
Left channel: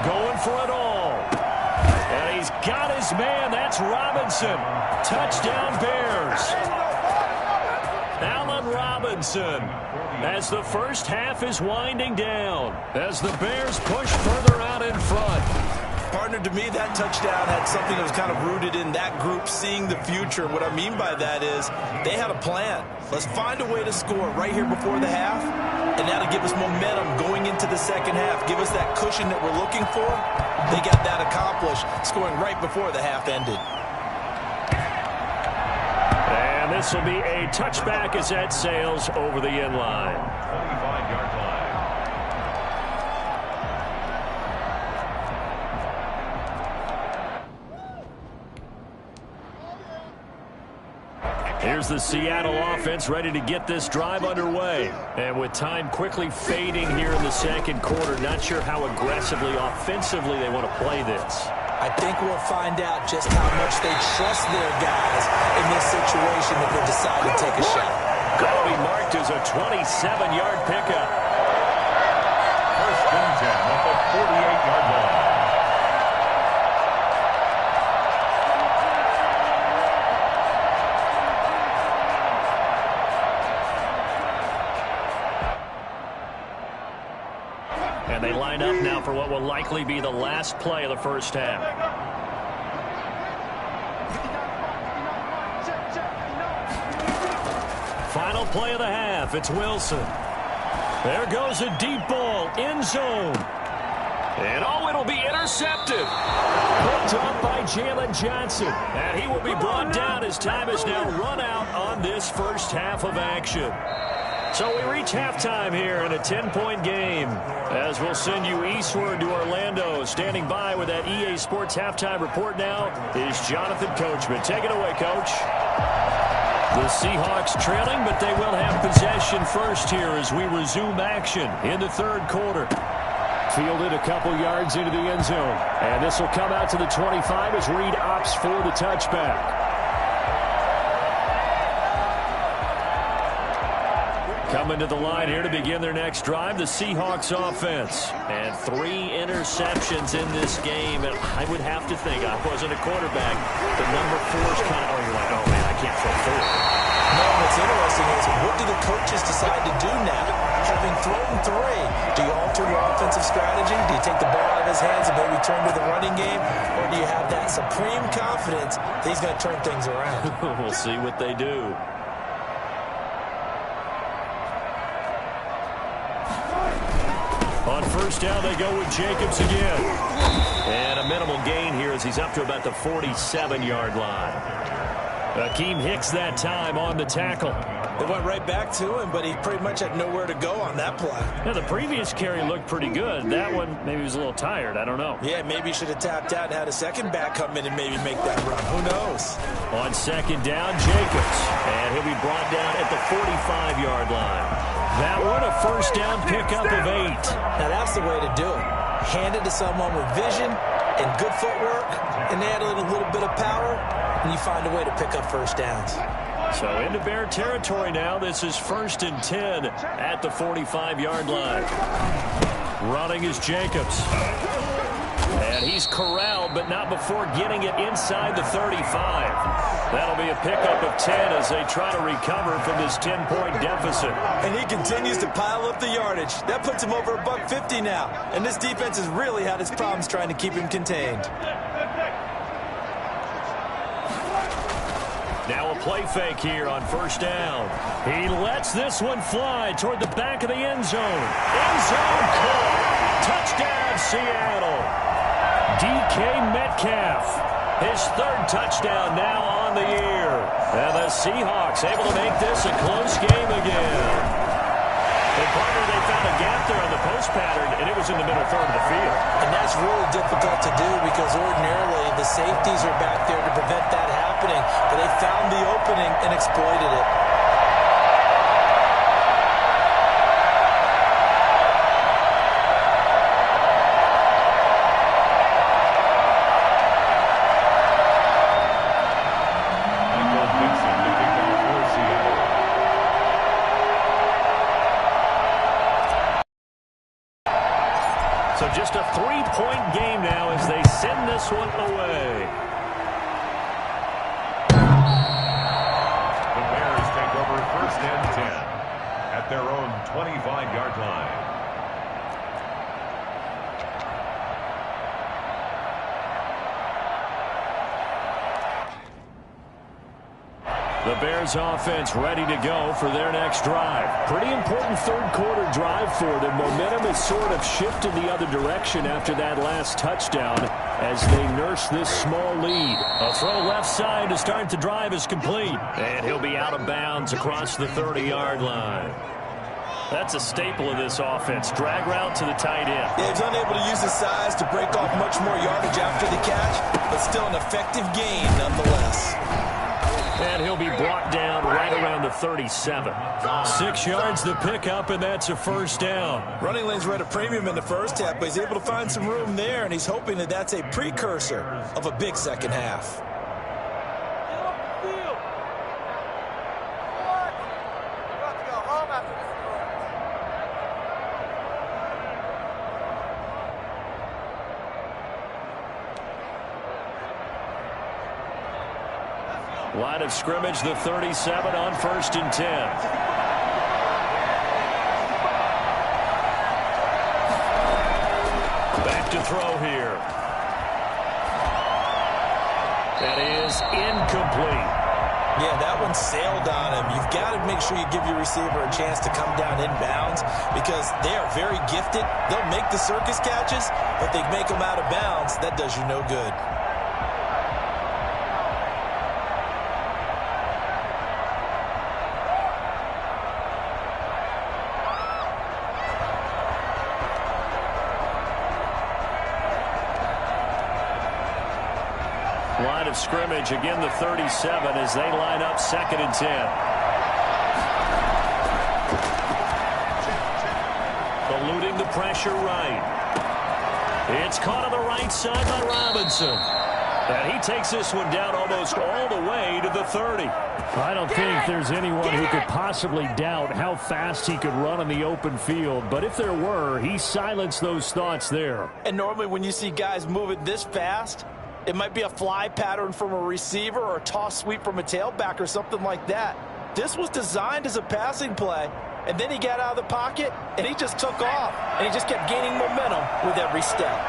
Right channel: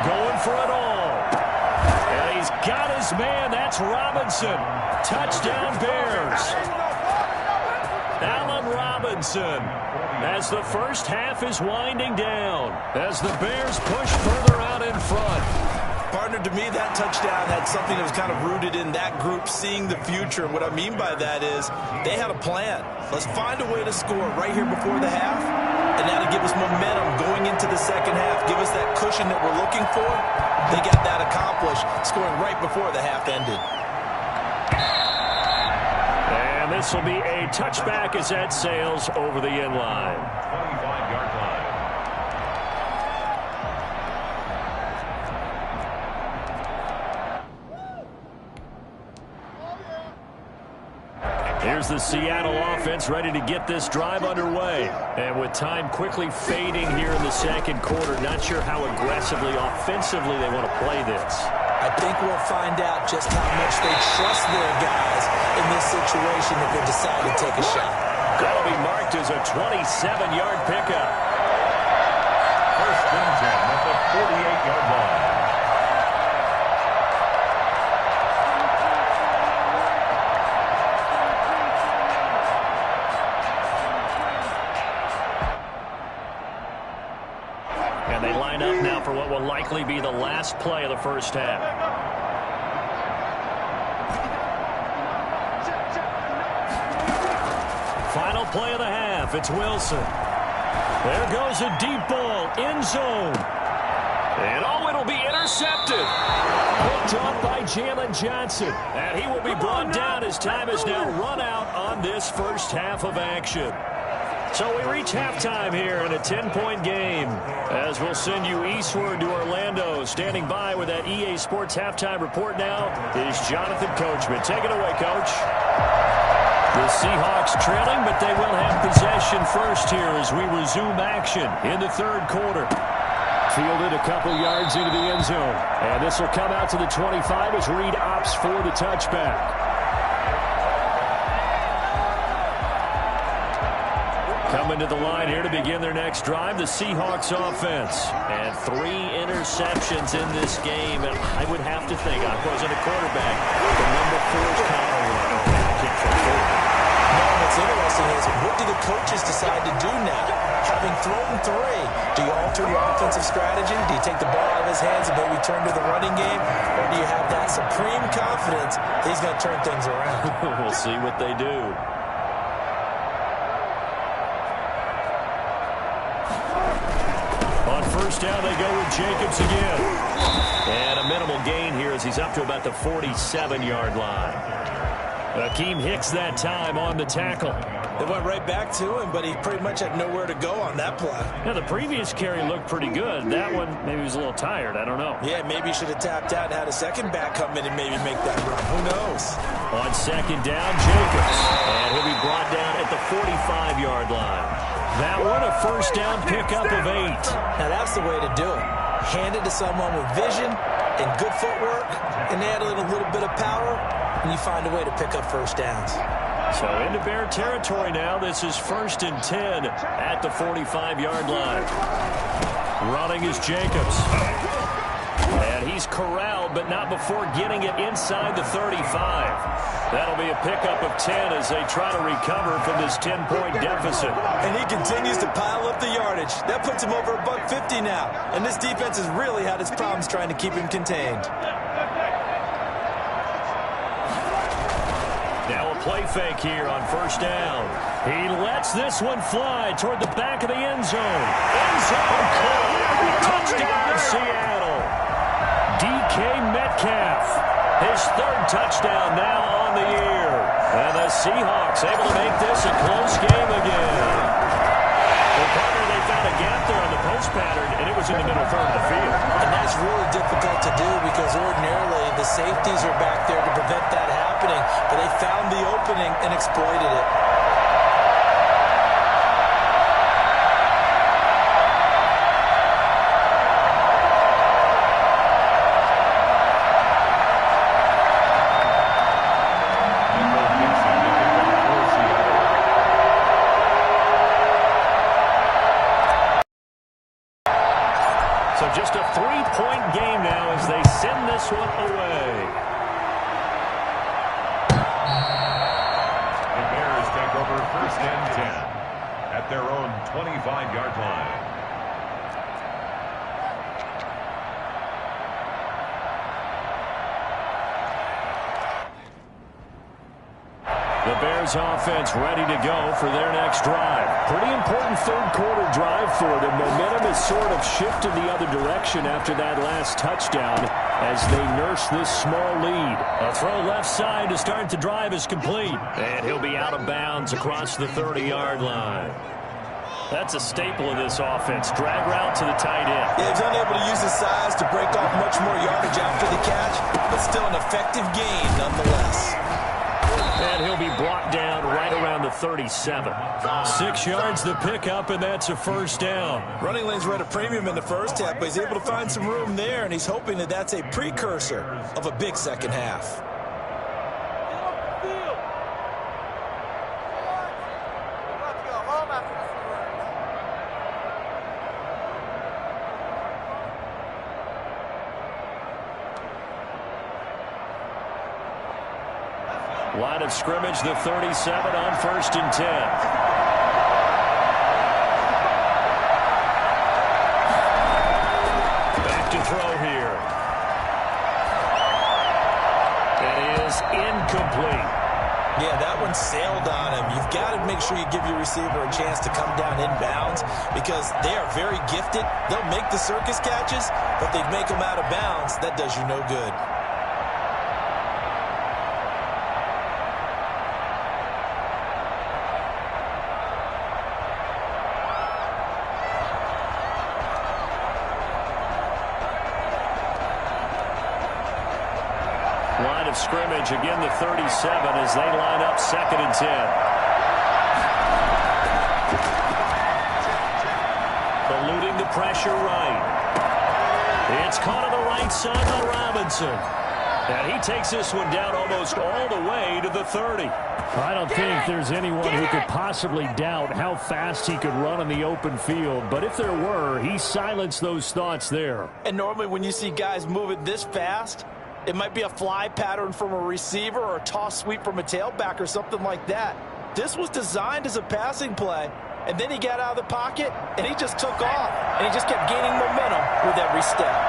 Going for it all. And he's got his man. That's Robinson. Touchdown Bears. Allen Robinson as the first half is winding down as the Bears push further out in front. Partner, to me, that touchdown had something that was kind of rooted in that group seeing the future. What I mean by that is they had a plan. Let's find a way to score right here before the half, and that'll give us momentum going into the second half. Give us that cushion that we're looking for. They got that accomplished, scoring right before the half ended. And this will be a touchback as that sails over the end line. 25-yard line. Here's the Seattle offense ready to get this drive underway. And with time quickly fading here in the second quarter, not sure how aggressively, offensively they want to play this. I think we'll find out just how much they trust their guys in this situation if they decide to take a shot. That'll be marked as a 27-yard pickup. 1st and 10 at the 48-yard line. And they line up now for what will likely be the last play of the first half. Final play of the half. It's Wilson. There goes a deep ball. End zone. And oh, it'll be intercepted. Picked up by Jalen Johnson. And he will be brought down as time is now run out on this first half of action. So we reach halftime here in a 10-point game as we'll send you eastward to Orlando. Standing by with that EA Sports halftime report now is Jonathan Coachman. Take it away, Coach. The Seahawks trailing, but they will have possession first here as we resume action in the third quarter. Fielded a couple yards into the end zone. And this will come out to the 25 as Reed opts for the touchback. Coming to the line here to begin their next drive, the Seahawks offense. And 3 interceptions in this game. And I would have to think, I wasn't a quarterback, the number 4 is kind of, you're like, oh, man, I can't throw 4. No, what's interesting is what do the coaches decide to do now? Having thrown 3, do you alter your offensive strategy? Do you take the ball out of his hands and maybe turn to the running game? Or do you have that supreme confidence that he's going to turn things around? We'll see what they do. On first down, they go with Jacobs again. And a minimal gain here as he's up to about the 47-yard line. Akeem Hicks that time on the tackle. They went right back to him, but he pretty much had nowhere to go on that play. Yeah, the previous carry looked pretty good. That one, maybe he was a little tired. I don't know. Yeah, maybe he should have tapped out and had a second back come in and maybe make that run. Who knows? On second down, Jacobs. And he'll be brought down at the 45-yard line. That one, a first down pickup of 8. Now, that's the way to do it. Hand it to someone with vision and good footwork, and add in a little bit of power, and you find a way to pick up first downs. So into Bear territory now. This is 1st and 10 at the 45-yard line. Running is Jacobs. And he's corralled, but not before getting it inside the 35. That'll be a pickup of 10 as they try to recover from this 10-point deficit. And he continues to pile up the yardage. That puts him over $150 now. And this defense has really had its problems trying to keep him contained. Now a play fake here on first down. He lets this one fly toward the back of the end zone. End zone caught. Touchdown, Seattle. DK Metcalf, his 3rd touchdown now on the year. And the Seahawks able to make this a close game again. Well, partner, they found a gap there on the post pattern, and it was in the middle third of the field. And that's really difficult to do because ordinarily the safeties are back there to prevent that happening. But they found the opening and exploited it. So just a 3-point game now as they send this one away. The Bears take over 1st and 10 at their own 25-yard line. The Bears offense ready to go for their next drive. Pretty important 3rd quarter drive for them. Momentum has sort of shifted the other direction after that last touchdown as they nurse this small lead. A throw left side to start the drive is complete. And he'll be out of bounds across the 30-yard line. That's a staple of this offense. Drag route to the tight end. Yeah, he's unable to use his size to break off much more yardage after the catch, but still an effective gain nonetheless. And he'll be brought down right around the 37. 6 yards the pickup, and that's a first down. Running lanes were at a premium in the first half, but he's able to find some room there, and he's hoping that that's a precursor of a big second half. Line of scrimmage, the 37 on 1st and 10. Back to throw here. That is incomplete. Yeah, that one sailed on him. You've got to make sure you give your receiver a chance to come down inbounds because they are very gifted. They'll make the circus catches, but they make them out of bounds. That does you no good. Line of scrimmage, again the 37 as they line up 2nd and 10. Eluding the pressure right. It's caught on the right side by Robinson. And he takes this one down almost all the way to the 30. I don't think there's anyone who could possibly doubt how fast he could run on the open field. But if there were, he silenced those thoughts there. And normally when you see guys moving this fast, it might be a fly pattern from a receiver or a toss sweep from a tailback or something like that. This was designed as a passing play, and then he got out of the pocket, and he just took off, and he just kept gaining momentum with every step.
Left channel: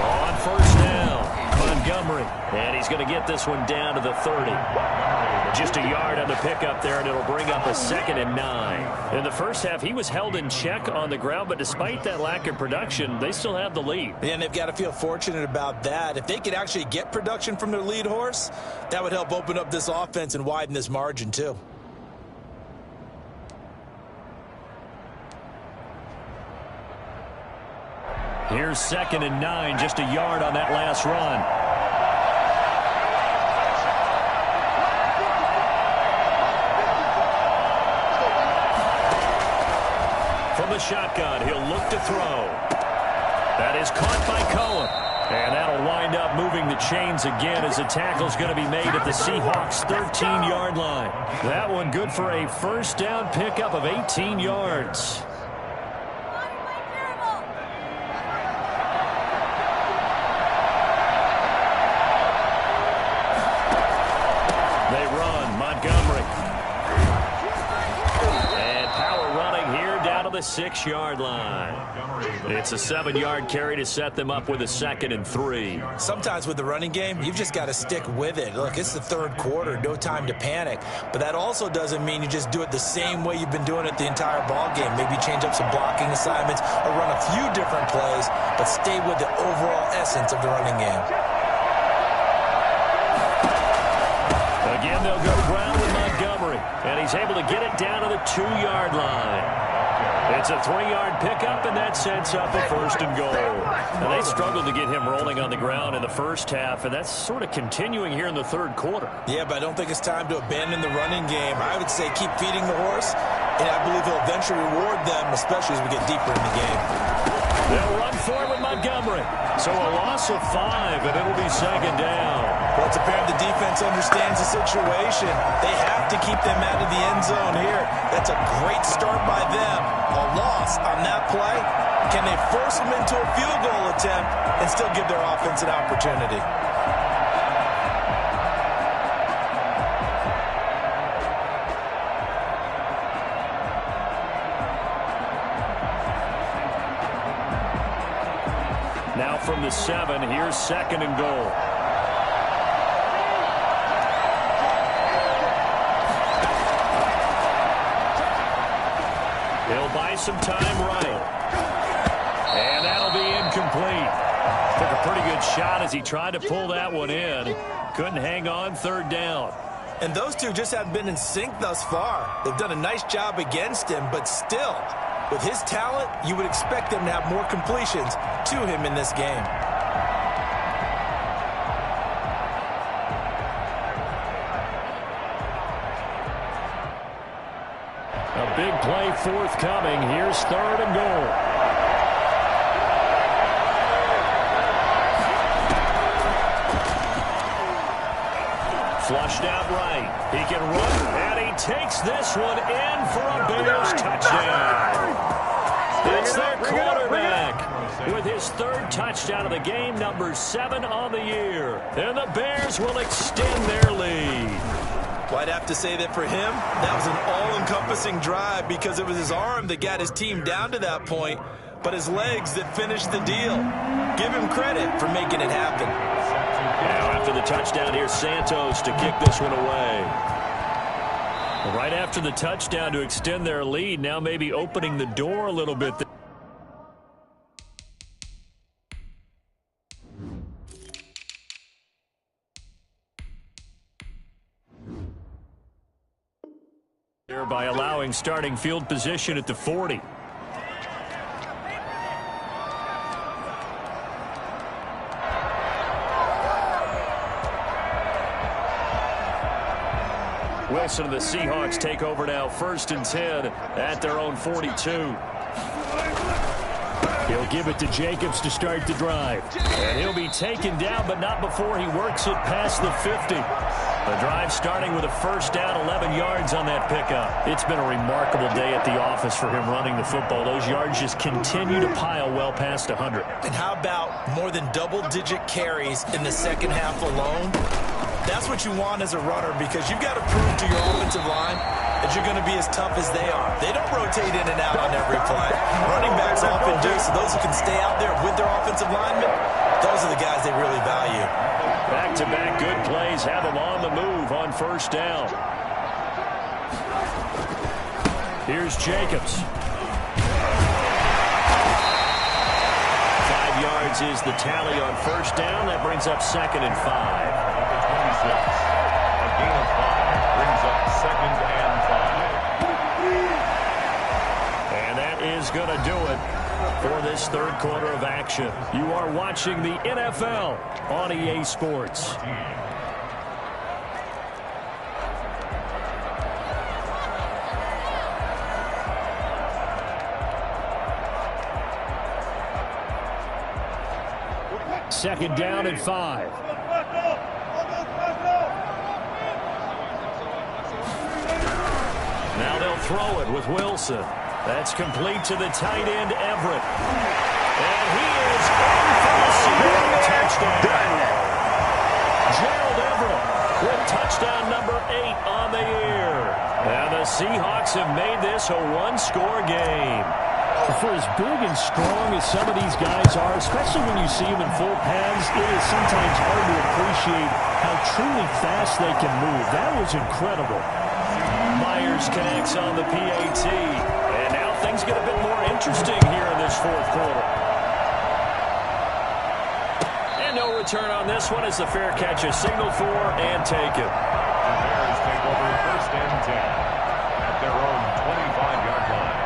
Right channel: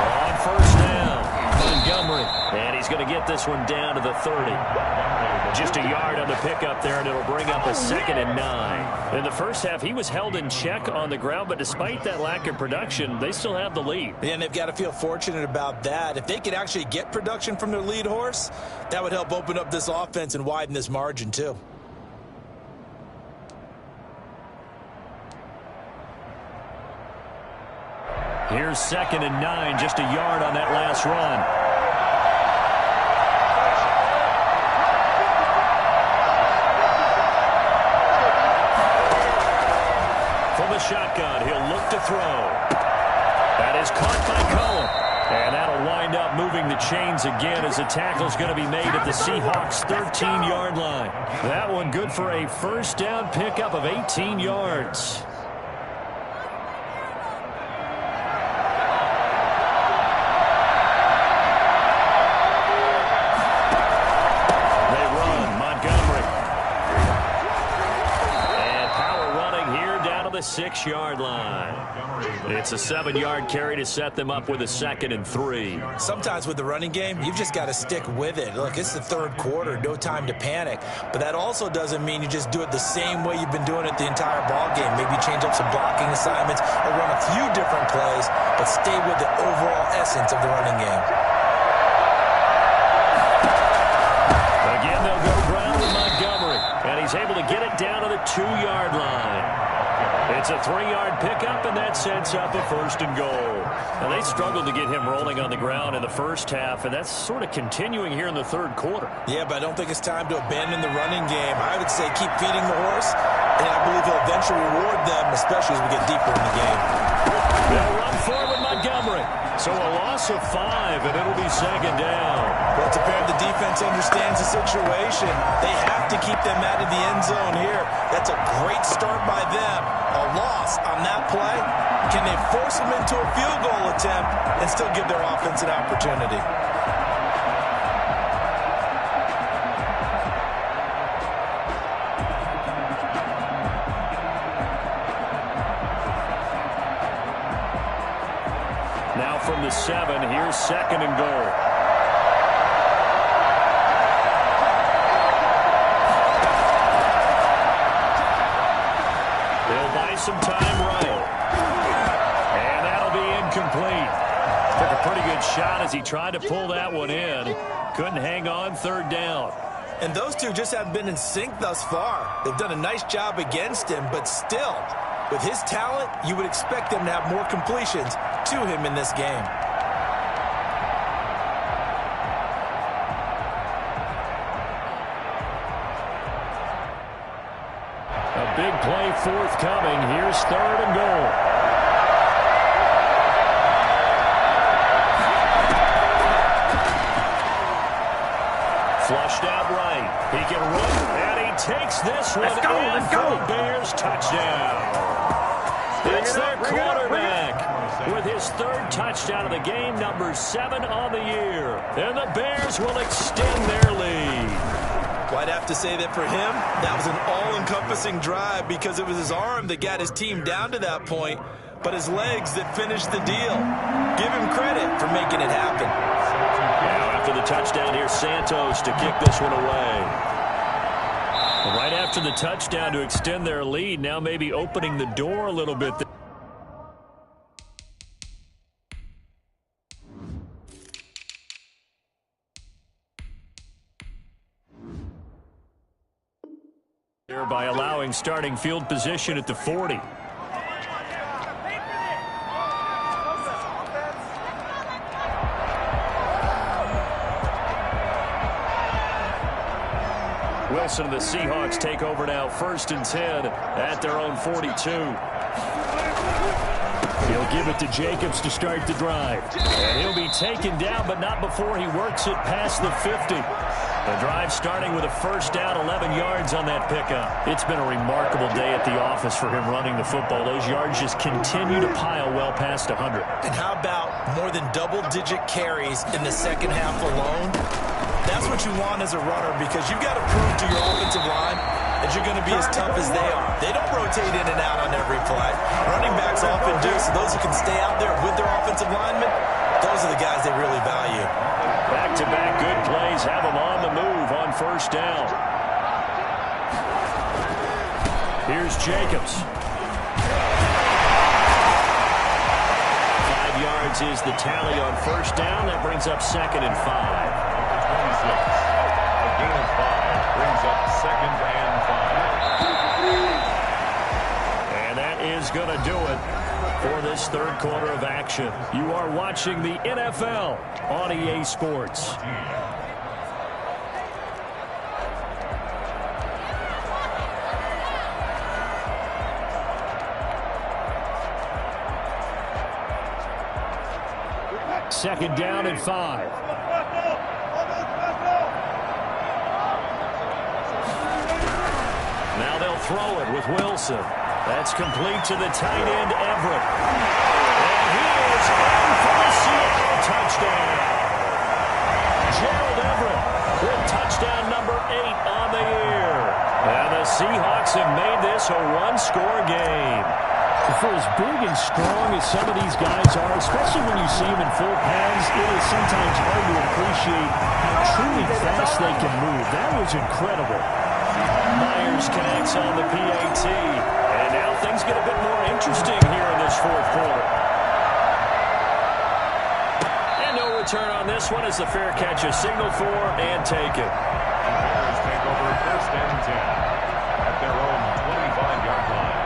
On 1st down, Montgomery Montgomery. And he's going to get this one down to the 30. Just a yard on the pickup there, and it'll bring up a 2nd and 9. In the first half, he was held in check on the ground, but despite that lack of production, they still have the lead. And they've got to feel fortunate about that. If they could actually get production from their lead horse, that would help open up this offense and widen this margin too. Here's 2nd and 9, just a yard on that last run. From the shotgun, he'll look to throw. That is caught by Cohen. And that'll wind up moving the chains again as the tackle's going to be made at the Seahawks' 13-yard line. That one good for a first down pickup of 18 yards. They run. Montgomery. And power running here down to the 6-yard line. It's a 7-yard carry to set them up with a 2nd and 3. Sometimes with the running game, you've just got to stick with it. Look, it's the third quarter, no time to panic. But that also doesn't mean you just do it the same way you've been doing it the entire ball game. Maybe change up some blocking assignments or run a few different plays, but stay with the overall essence of the running game. Again, they'll go ground with Montgomery, and he's able to get it down to the 2-yard line. It's a 3-yard pickup, and that sets up a 1st and goal. Now, they struggled to get him rolling on the ground in the first half, and that's sort of continuing here in the third quarter. Yeah, but I don't think it's time to abandon the running game. I would say keep feeding the horse, and I believe he'll eventually reward them, especially as we get deeper in the game. They'll run forward with Montgomery. So a loss of 5, and it'll be 2nd down. Well, it's apparent the defense understands the situation. They have to keep them out of the end zone here. That's a great start by them. A loss on that play. Can they force them into a field goal attempt and still give their offense an opportunity? Now from the 7, here's 2nd and goal. He'll buy some time right. And that'll be incomplete. Took a pretty good shot as he tried to pull that one in. Couldn't hang on, 3rd down. And those two just haven't been in sync thus far. They've done a nice job against him, but still, with his talent, you would expect them to have more completions to him in this game. A big play forthcoming. Here's 3rd and goal. Flushed out right. He can run, and he takes this one in for a Bears touchdown. It's their quarterback with his 3rd touchdown of the game, number 7 on the year. And the Bears will extend their lead. Well, I'd have to say that for him, that was an all-encompassing drive because it was his arm that got his team down to that point, but his legs that finished the deal. Give him credit for making it happen. Now after the touchdown, here's Santos to kick this one away. Right after the touchdown to extend their lead, now maybe opening the door a little bit. By allowing starting field position at the 40. Wilson and the Seahawks take over now, 1st and 10 at their own 42. He'll give it to Jacobs to start the drive. And he'll be taken down, but not before he works it past the 50. The drive starting with a 1st down, 11 yards on that pickup. It's been a remarkable day at the office for him running the football. Those yards just continue to pile well past 100. And how about more than double-digit carries in the second half alone? That's what you want as a runner, because you've got to prove to your offensive line that you're going to be as tough as they are. They don't rotate in and out on every play. Running backs often do, so those who can stay out there with their offensive linemen, those are the guys they really value. Back-to-back good plays have them on the move on first down. Here's Jacobs. 5 yards is the tally on first down. That brings up 2nd and 5. Up to 26. A gain of 5 brings up 2nd and 5. And that is going to do it for this third quarter of action. You are watching the NFL on EA Sports. Second down and 5. Now they'll throw it with Wilson. That's complete to the tight end, Everett. And he is in for the Seattle touchdown. Gerald Everett with touchdown number 8 on the year. And the Seahawks have made this a one-score game. For as big and strong as some of these guys are, especially when you see them in full pads, it is sometimes hard to appreciate how truly fast they can move. That was incredible. Myers connects on the PAT. And now things get a bit more interesting here in this fourth quarter. And no return on this one as the fair catch is signaled for and taken. The Bears take over 1st and 10 at their own 25-yard line.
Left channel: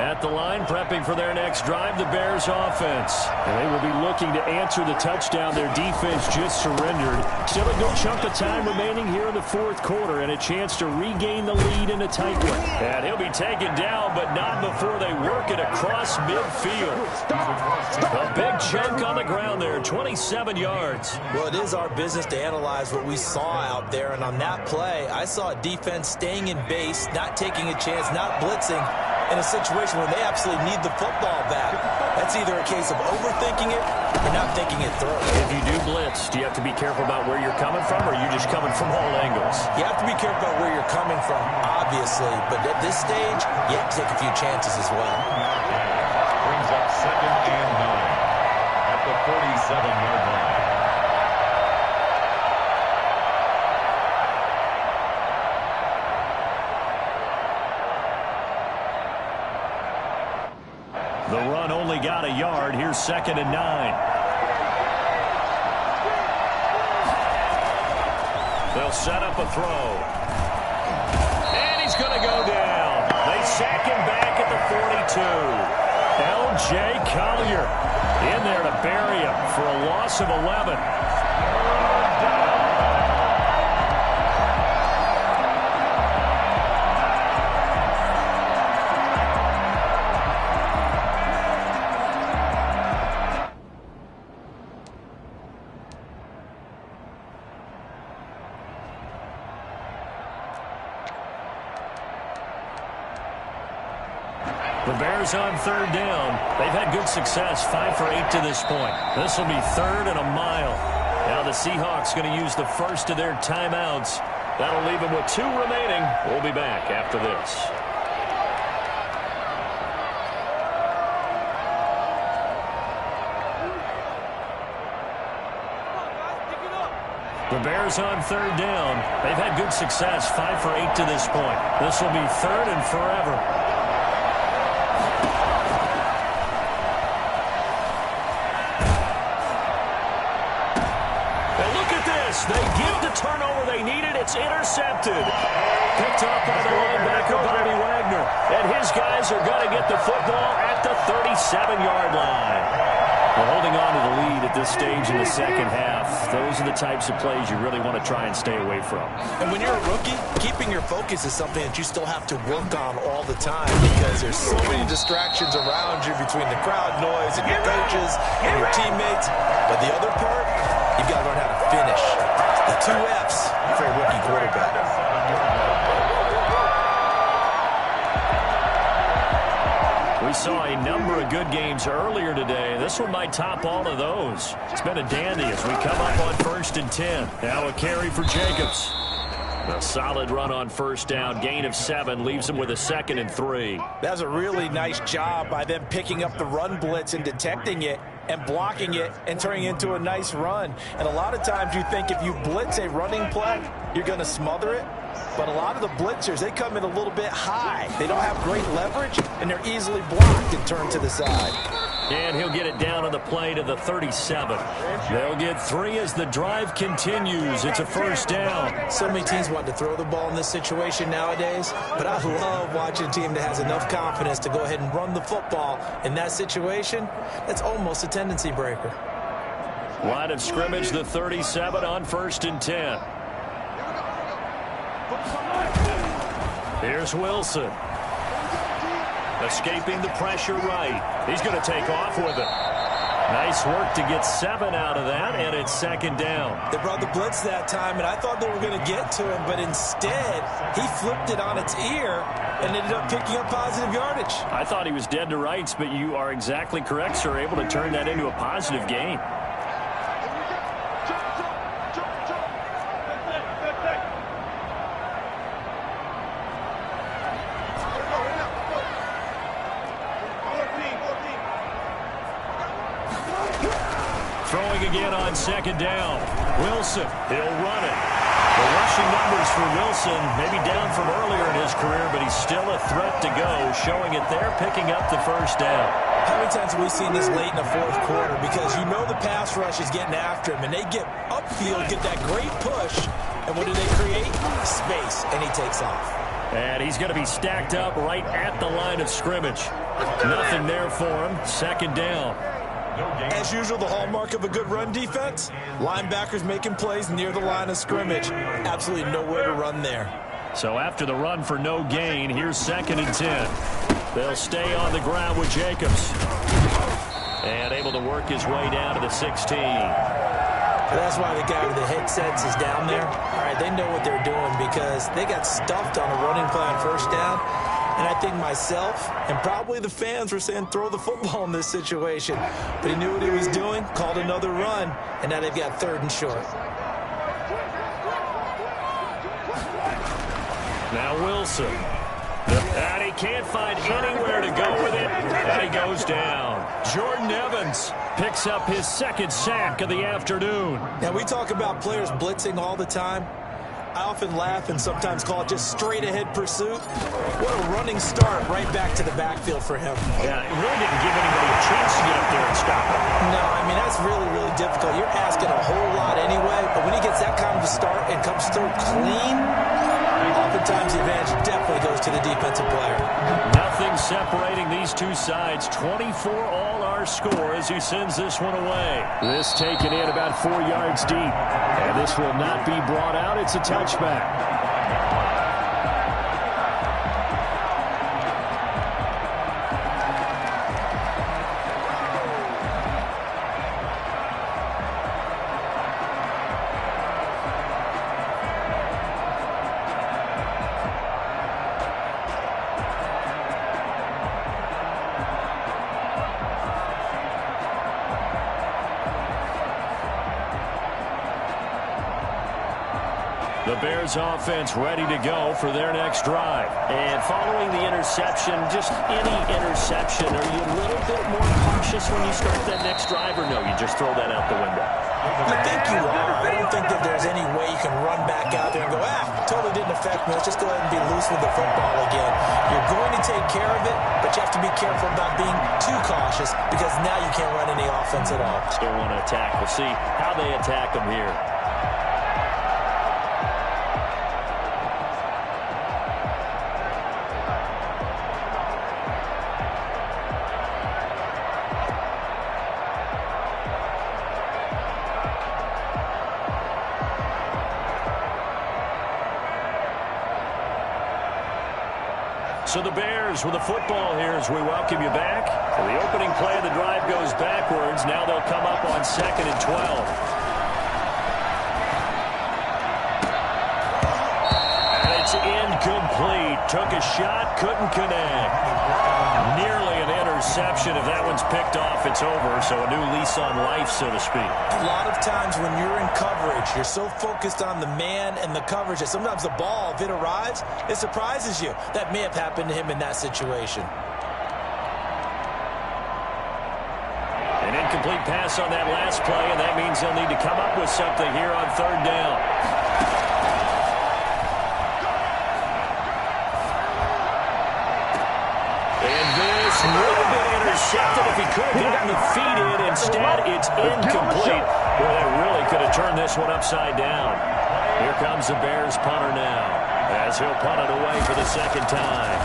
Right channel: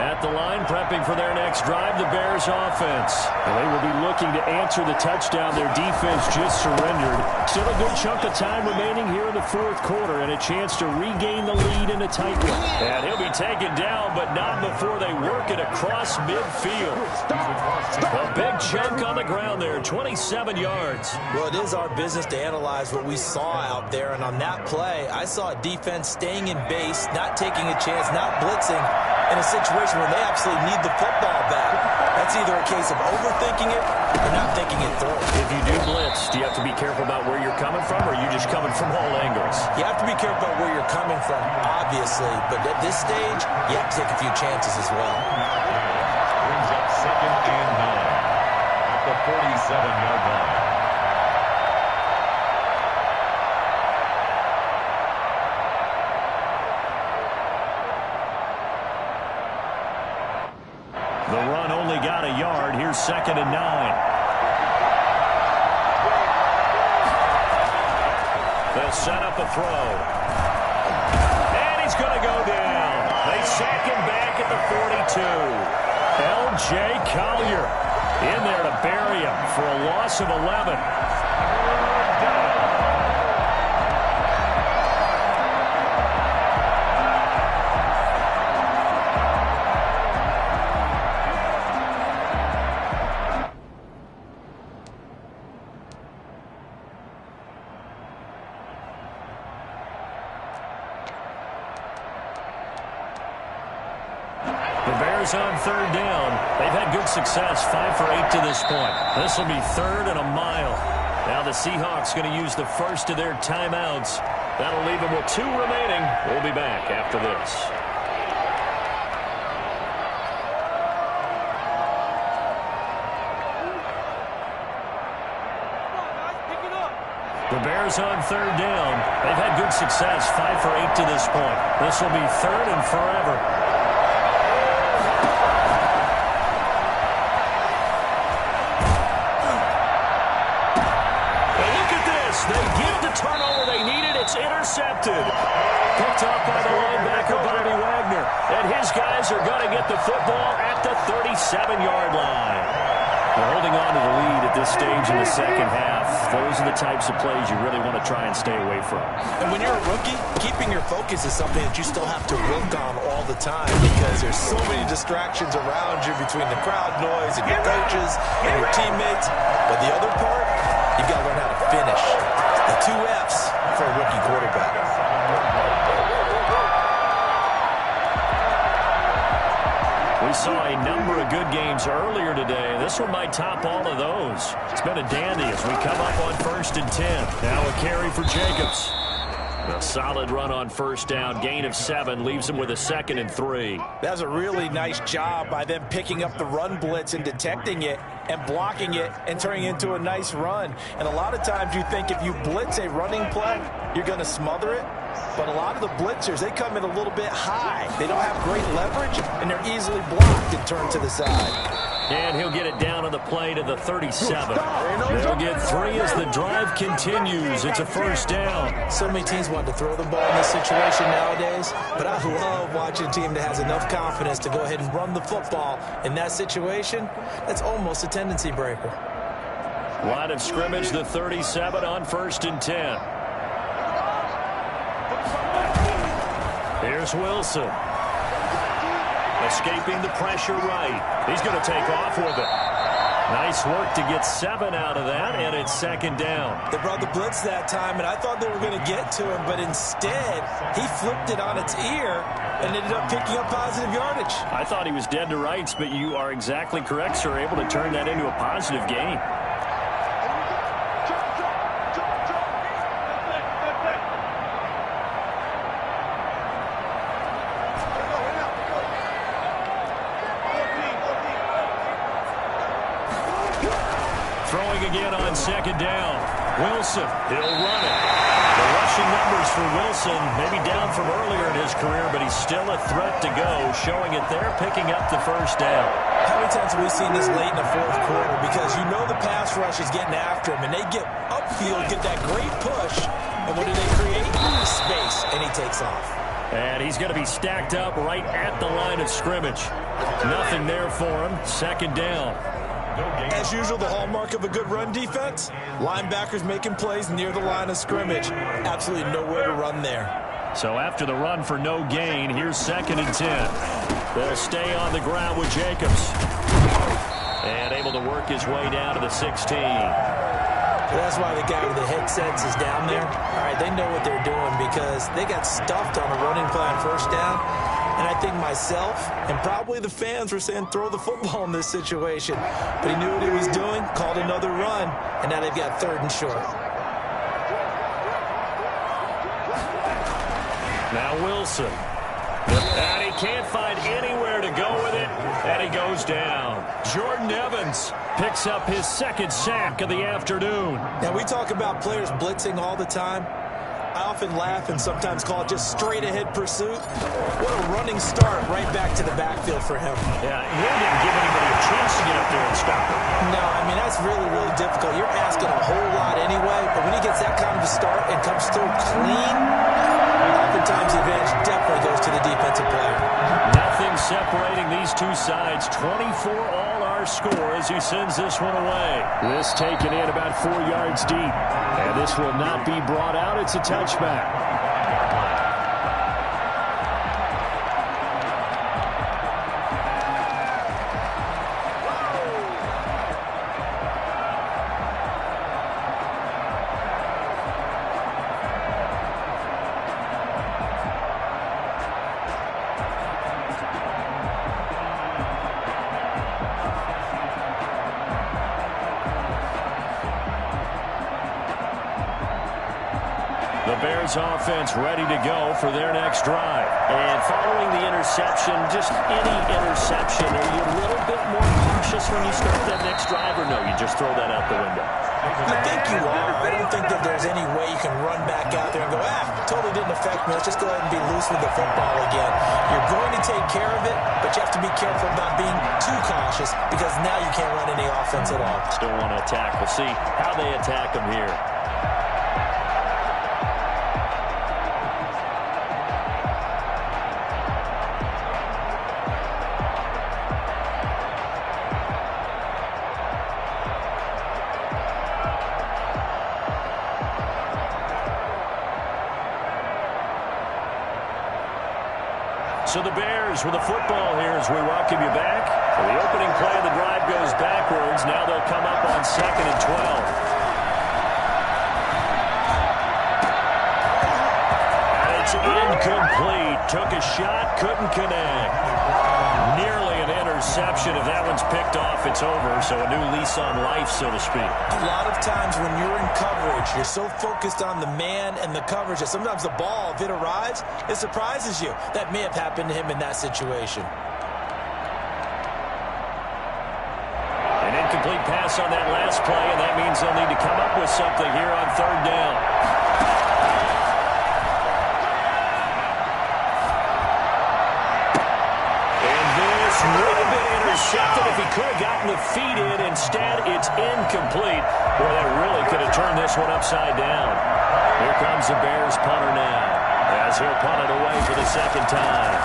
At the line, prepping for their next drive, the Bears offense. And they will be looking to answer the touchdown their defense just surrendered. Still a good chunk of time remaining here in the fourth quarter and a chance to regain the lead in a tight one. And he'll be taken down, but not before they work it across midfield. A big chunk on the ground there, 27 yards. Well, it is our business to analyze what we saw out there, and on that play, I saw a defense staying in base, not taking a chance, not blitzing, in a situation where they absolutely need the football back. That's either a case of overthinking it or not thinking it through. If you do blitz, do you have to be careful about where you're coming from, or are you just coming from all angles? You have to be careful about where you're coming from, obviously, but at this stage, you have to take a few chances as well. Brings up 2nd and 9 at the 47-yard line. The run only got a yard. Here's 2nd and 9. They'll set up a throw. And he's going to go down. They sack him back at the 42. L.J. Collier in there to bury him for a loss of 11. The Bears on 3rd down. They've had good success, 5 for 8 to this point. This will be 3rd and a mile. Now the Seahawks going to use the first of their timeouts. That'll leave them with 2 remaining. We'll be back after this. The Bears on 3rd down. They've had good success, 5 for 8 to this point. This will be 3rd and forever. They get the turnover they needed. It's intercepted. Picked off by the linebacker, Bobby Wagner. And his guys are going to get the football at the 37-yard line. Well, holding on to the lead at this stage in the second half, those are the types of plays you really want to try and stay away from. And when you're a rookie, keeping your focus is something that you still have to work on all the time because there's so many distractions around you between the crowd noise and your coaches and your teammates. But the other part, you've got to learn how to finish. The 2 F's for a rookie quarterback. We saw a number of good games earlier today. This one might top all of those. It's been a dandy as we come up on 1st and 10. Now a carry for Jacobs. A solid run on 1st down. Gain of 7 leaves him with a 2nd and 3. That's a really nice job by them picking up the run blitz and detecting it and blocking it and turning it into a nice run. And a lot of times you think if you blitz a running play, you're going to smother it. But a lot of the blitzers, they come in a little bit high. They don't have great leverage, and they're easily blocked and turned to the side. And he'll get it down on the play to the 37. They'll get 3 as the drive continues. It's a 1st down. So many teams want to throw the ball in this situation nowadays, but I love watching a team that has enough confidence to go ahead and run the football. In that situation, that's almost a tendency breaker. Line of scrimmage, the 37 on 1st and 10. Here's Wilson. Escaping the pressure right. He's going to take off with it. Nice work to get 7 out of that, and it's 2nd down. They brought the blitz that time, and I thought they were going to get to him, but instead, he flipped it on its ear and ended up picking up positive yardage. I thought he was dead to rights, but you are exactly correct, sir. Able to turn that into a positive gain. Throwing again on 2nd down. Wilson, he'll run it. The rushing numbers for Wilson, maybe down from earlier in his career, but he's still a threat to go, showing it there, picking up the 1st down. How many times have we seen this late in the 4th quarter? Because you know the pass rush is getting after him, and they get upfield, get that great push, and what do they create? Space, and he takes off. And he's going to be stacked up right at the line of scrimmage. Nothing there for him. 2nd down. As usual, the hallmark of a good run defense, linebackers making plays near the line of scrimmage. Absolutely nowhere to run there. So after the run for no gain, here's 2nd and 10. They'll stay on the ground with Jacobs. And able to work his way down to the 16. That's why the guy with the headsets is down there. All right, they know what they're doing because they got stuffed on a running play on 1st down. And I think myself and probably the fans were saying throw the football in this situation. But he knew what he was doing, called another run, and now they've got 3rd and short. Now Wilson. And he can't find anywhere to go with it, and he goes down. Jordan Evans picks up his 2nd sack of the afternoon. Now, we talk about players blitzing all the time. I often laugh and sometimes call it just straight-ahead pursuit. What a running start right back to the backfield for him. Yeah, it really didn't give anybody a chance to get up there and stop him. No, I mean, that's really, really difficult. You're asking a whole lot anyway, but when he gets that kind of a start and comes through clean, oftentimes the advantage definitely goes to the defensive player. Nothing separating these two sides. 24 all our score as he sends this one away. This taken in about 4 yards deep. And this will not be brought out. It's a touchback. The Bears offense ready to go for their next drive. And following the interception, just any interception, are you a little bit more cautious when you start that next drive, or no, you just throw that out the window? I think you are. I don't think that there's any way you can run back out there and go, totally didn't affect me. Let's just go ahead and be loose with the football again. You're going to take care of it, but you have to be careful about being too cautious because now you can't run any offense at all. Still want to attack. We'll see how they attack them here. So the Bears with the football here as we welcome you back. So the opening play of the drive goes backwards. Now they'll come up on 2nd and 12. And it's incomplete. Took a shot, couldn't connect. Nearly an interception. If that one's picked off, it's over. So a new lease on life, so to speak. A lot of times when you're in coverage, you're so focused on the man and the coverage that sometimes the ball, if it arrives, it surprises you. That may have happened to him in that situation. An incomplete pass on that last play, and that means they'll need to come up with something here on third down. And this would have been intercepted if he could have gotten the feet in. Instead, it's incomplete. Boy, that really could have turned this one upside down. Here comes the Bears punter now, as he'll punt it away for the second time.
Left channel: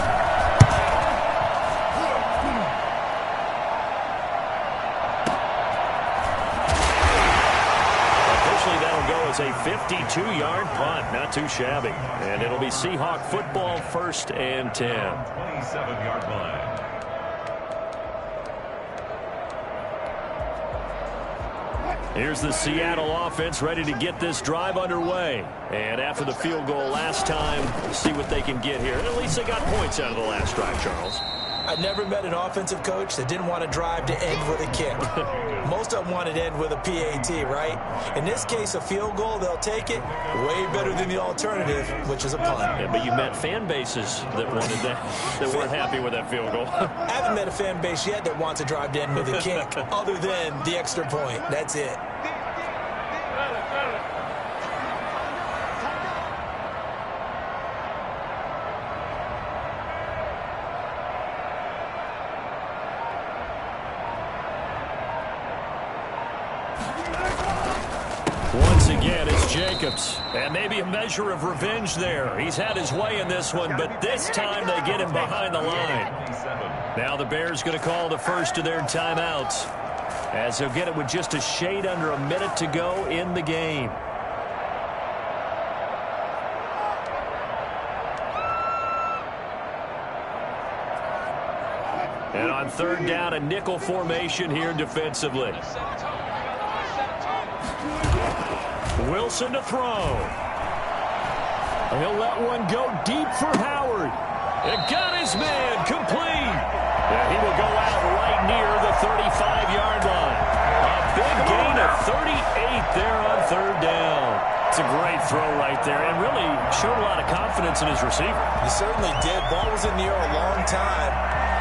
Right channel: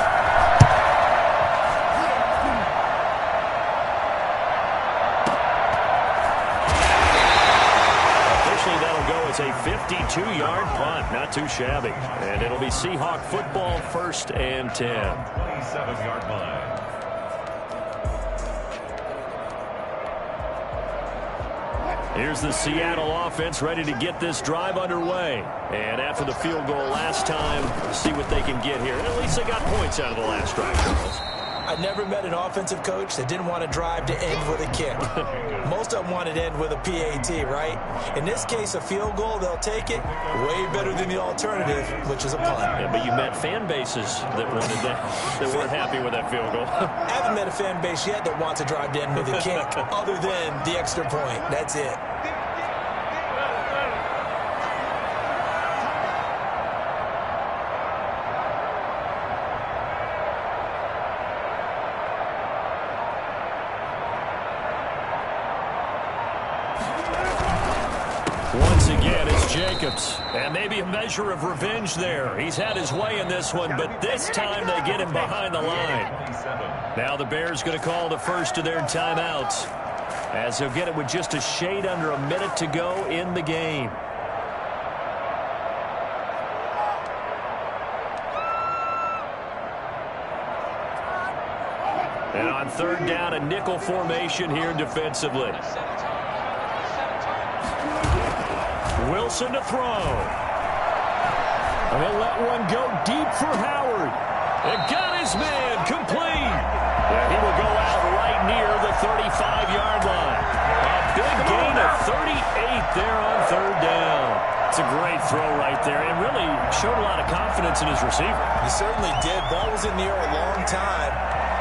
That'll go as a 52-yard punt. Not too shabby. And it'll be Seahawk football, 1st and 10. 27-yard line. Here's the Seattle offense ready to get this drive underway. And after the field goal last time, see what they can get here. And at least they got points out of the last drive, Charles. I never met an offensive coach that didn't want to drive to end with a kick. Most of them wanted to end with a PAT, right? In this case, a field goal, they'll take it. Way better than the alternative, which is a punt. Yeah, but you met fan bases that wanted that weren't happy with that field goal. I haven't met a fan base yet that wants to drive to end with a kick, other than the extra point. That's it. Once again, it's Jacobs. And maybe a measure of revenge there. He's had his way in this one, but this time they get him behind the line. Now the Bears going to call the first of their timeouts, as they'll get it with just a shade under a minute to go in the game. And on third down, a nickel formation here defensively. Wilson to throw. He'll let one go deep for Howard. And got his man complete. Yeah, he will go out right near the 35-yard line. A big gain of 38 there on third down. It's a great throw right there, and really showed a lot of confidence in his receiver. He certainly did. Ball was in the air a long time,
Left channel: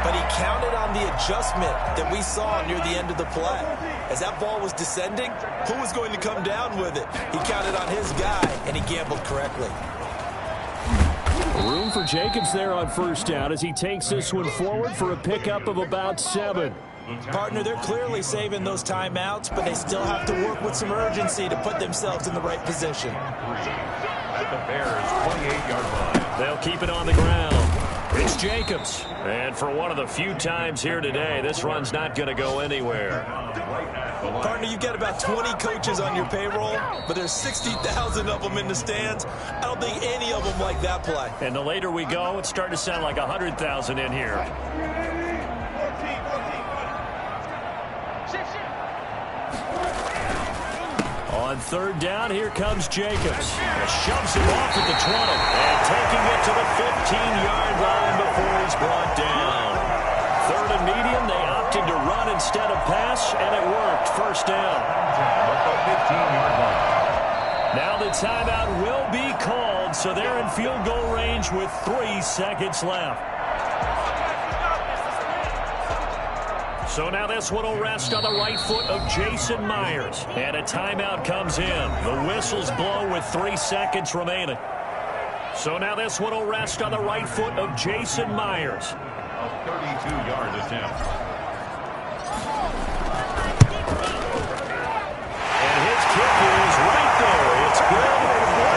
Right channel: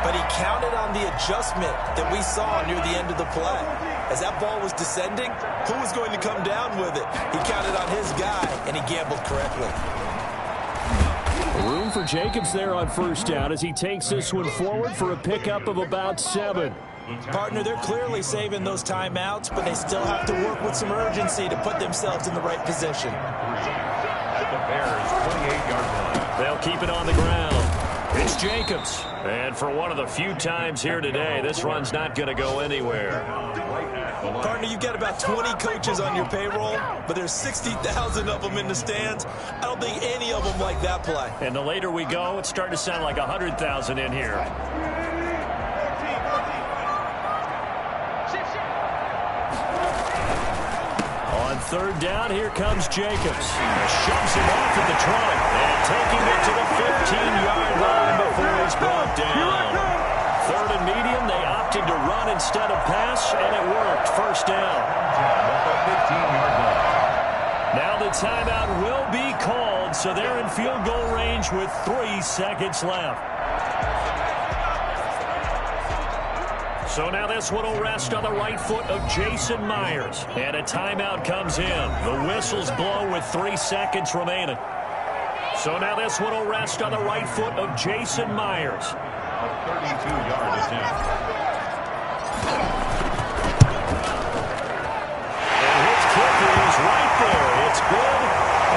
but he counted on the adjustment that we saw near the end of the play. As that ball was descending, who was going to come down with it? He counted on his guy, and he gambled correctly. Room for Jacobs there on first down as he takes this one forward for a pickup of about 7. Partner, they're clearly saving those timeouts, but they still have to work with some urgency to put themselves in the right position. At the Bears' 28-yard line. They'll keep it on the ground. It's Jacobs. And for one of the few times here today, this run's not going to go anywhere. Partner, you get about 20 coaches on your payroll, but there's 60,000 of them in the stands. I don't think any of them like that play. And the later we go, it's starting to sound like 100,000 in here. On third down, here comes Jacobs. Shoves him off at the 20. And taking it to the 15-yard line before he's brought down. Third and medium, they opted to run instead of pass, and it worked. First down. At the 15-yard line. Now the timeout will be called, so they're in field goal range with 3 seconds left. So now this one will rest on the right foot of Jason Myers. And a timeout comes in. The whistles blow with 3 seconds remaining. So now this one will rest on the right foot of Jason Myers. A 32-yard attempt. And his kick is right there. It's good.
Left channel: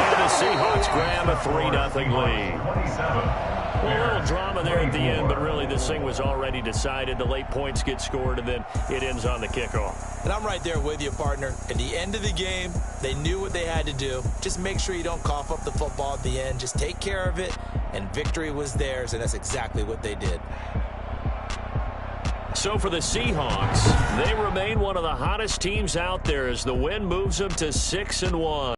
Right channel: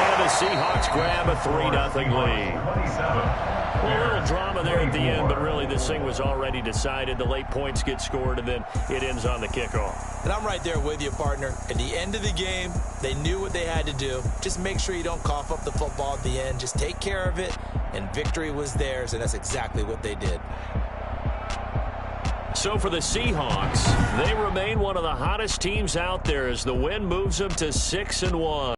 And the Seahawks grab a 3-0 lead. 27. Well, a little drama there at the end, but really this thing was already decided. The late points get scored, and then it ends on the kickoff. And I'm right there with you, partner. At the end of the game, they knew what they had to do. Just make sure you don't cough up the football at the end. Just take care of it, and victory was theirs, and that's exactly what they did. So for the Seahawks, they remain one of the hottest teams out there as the win moves them to 6-1.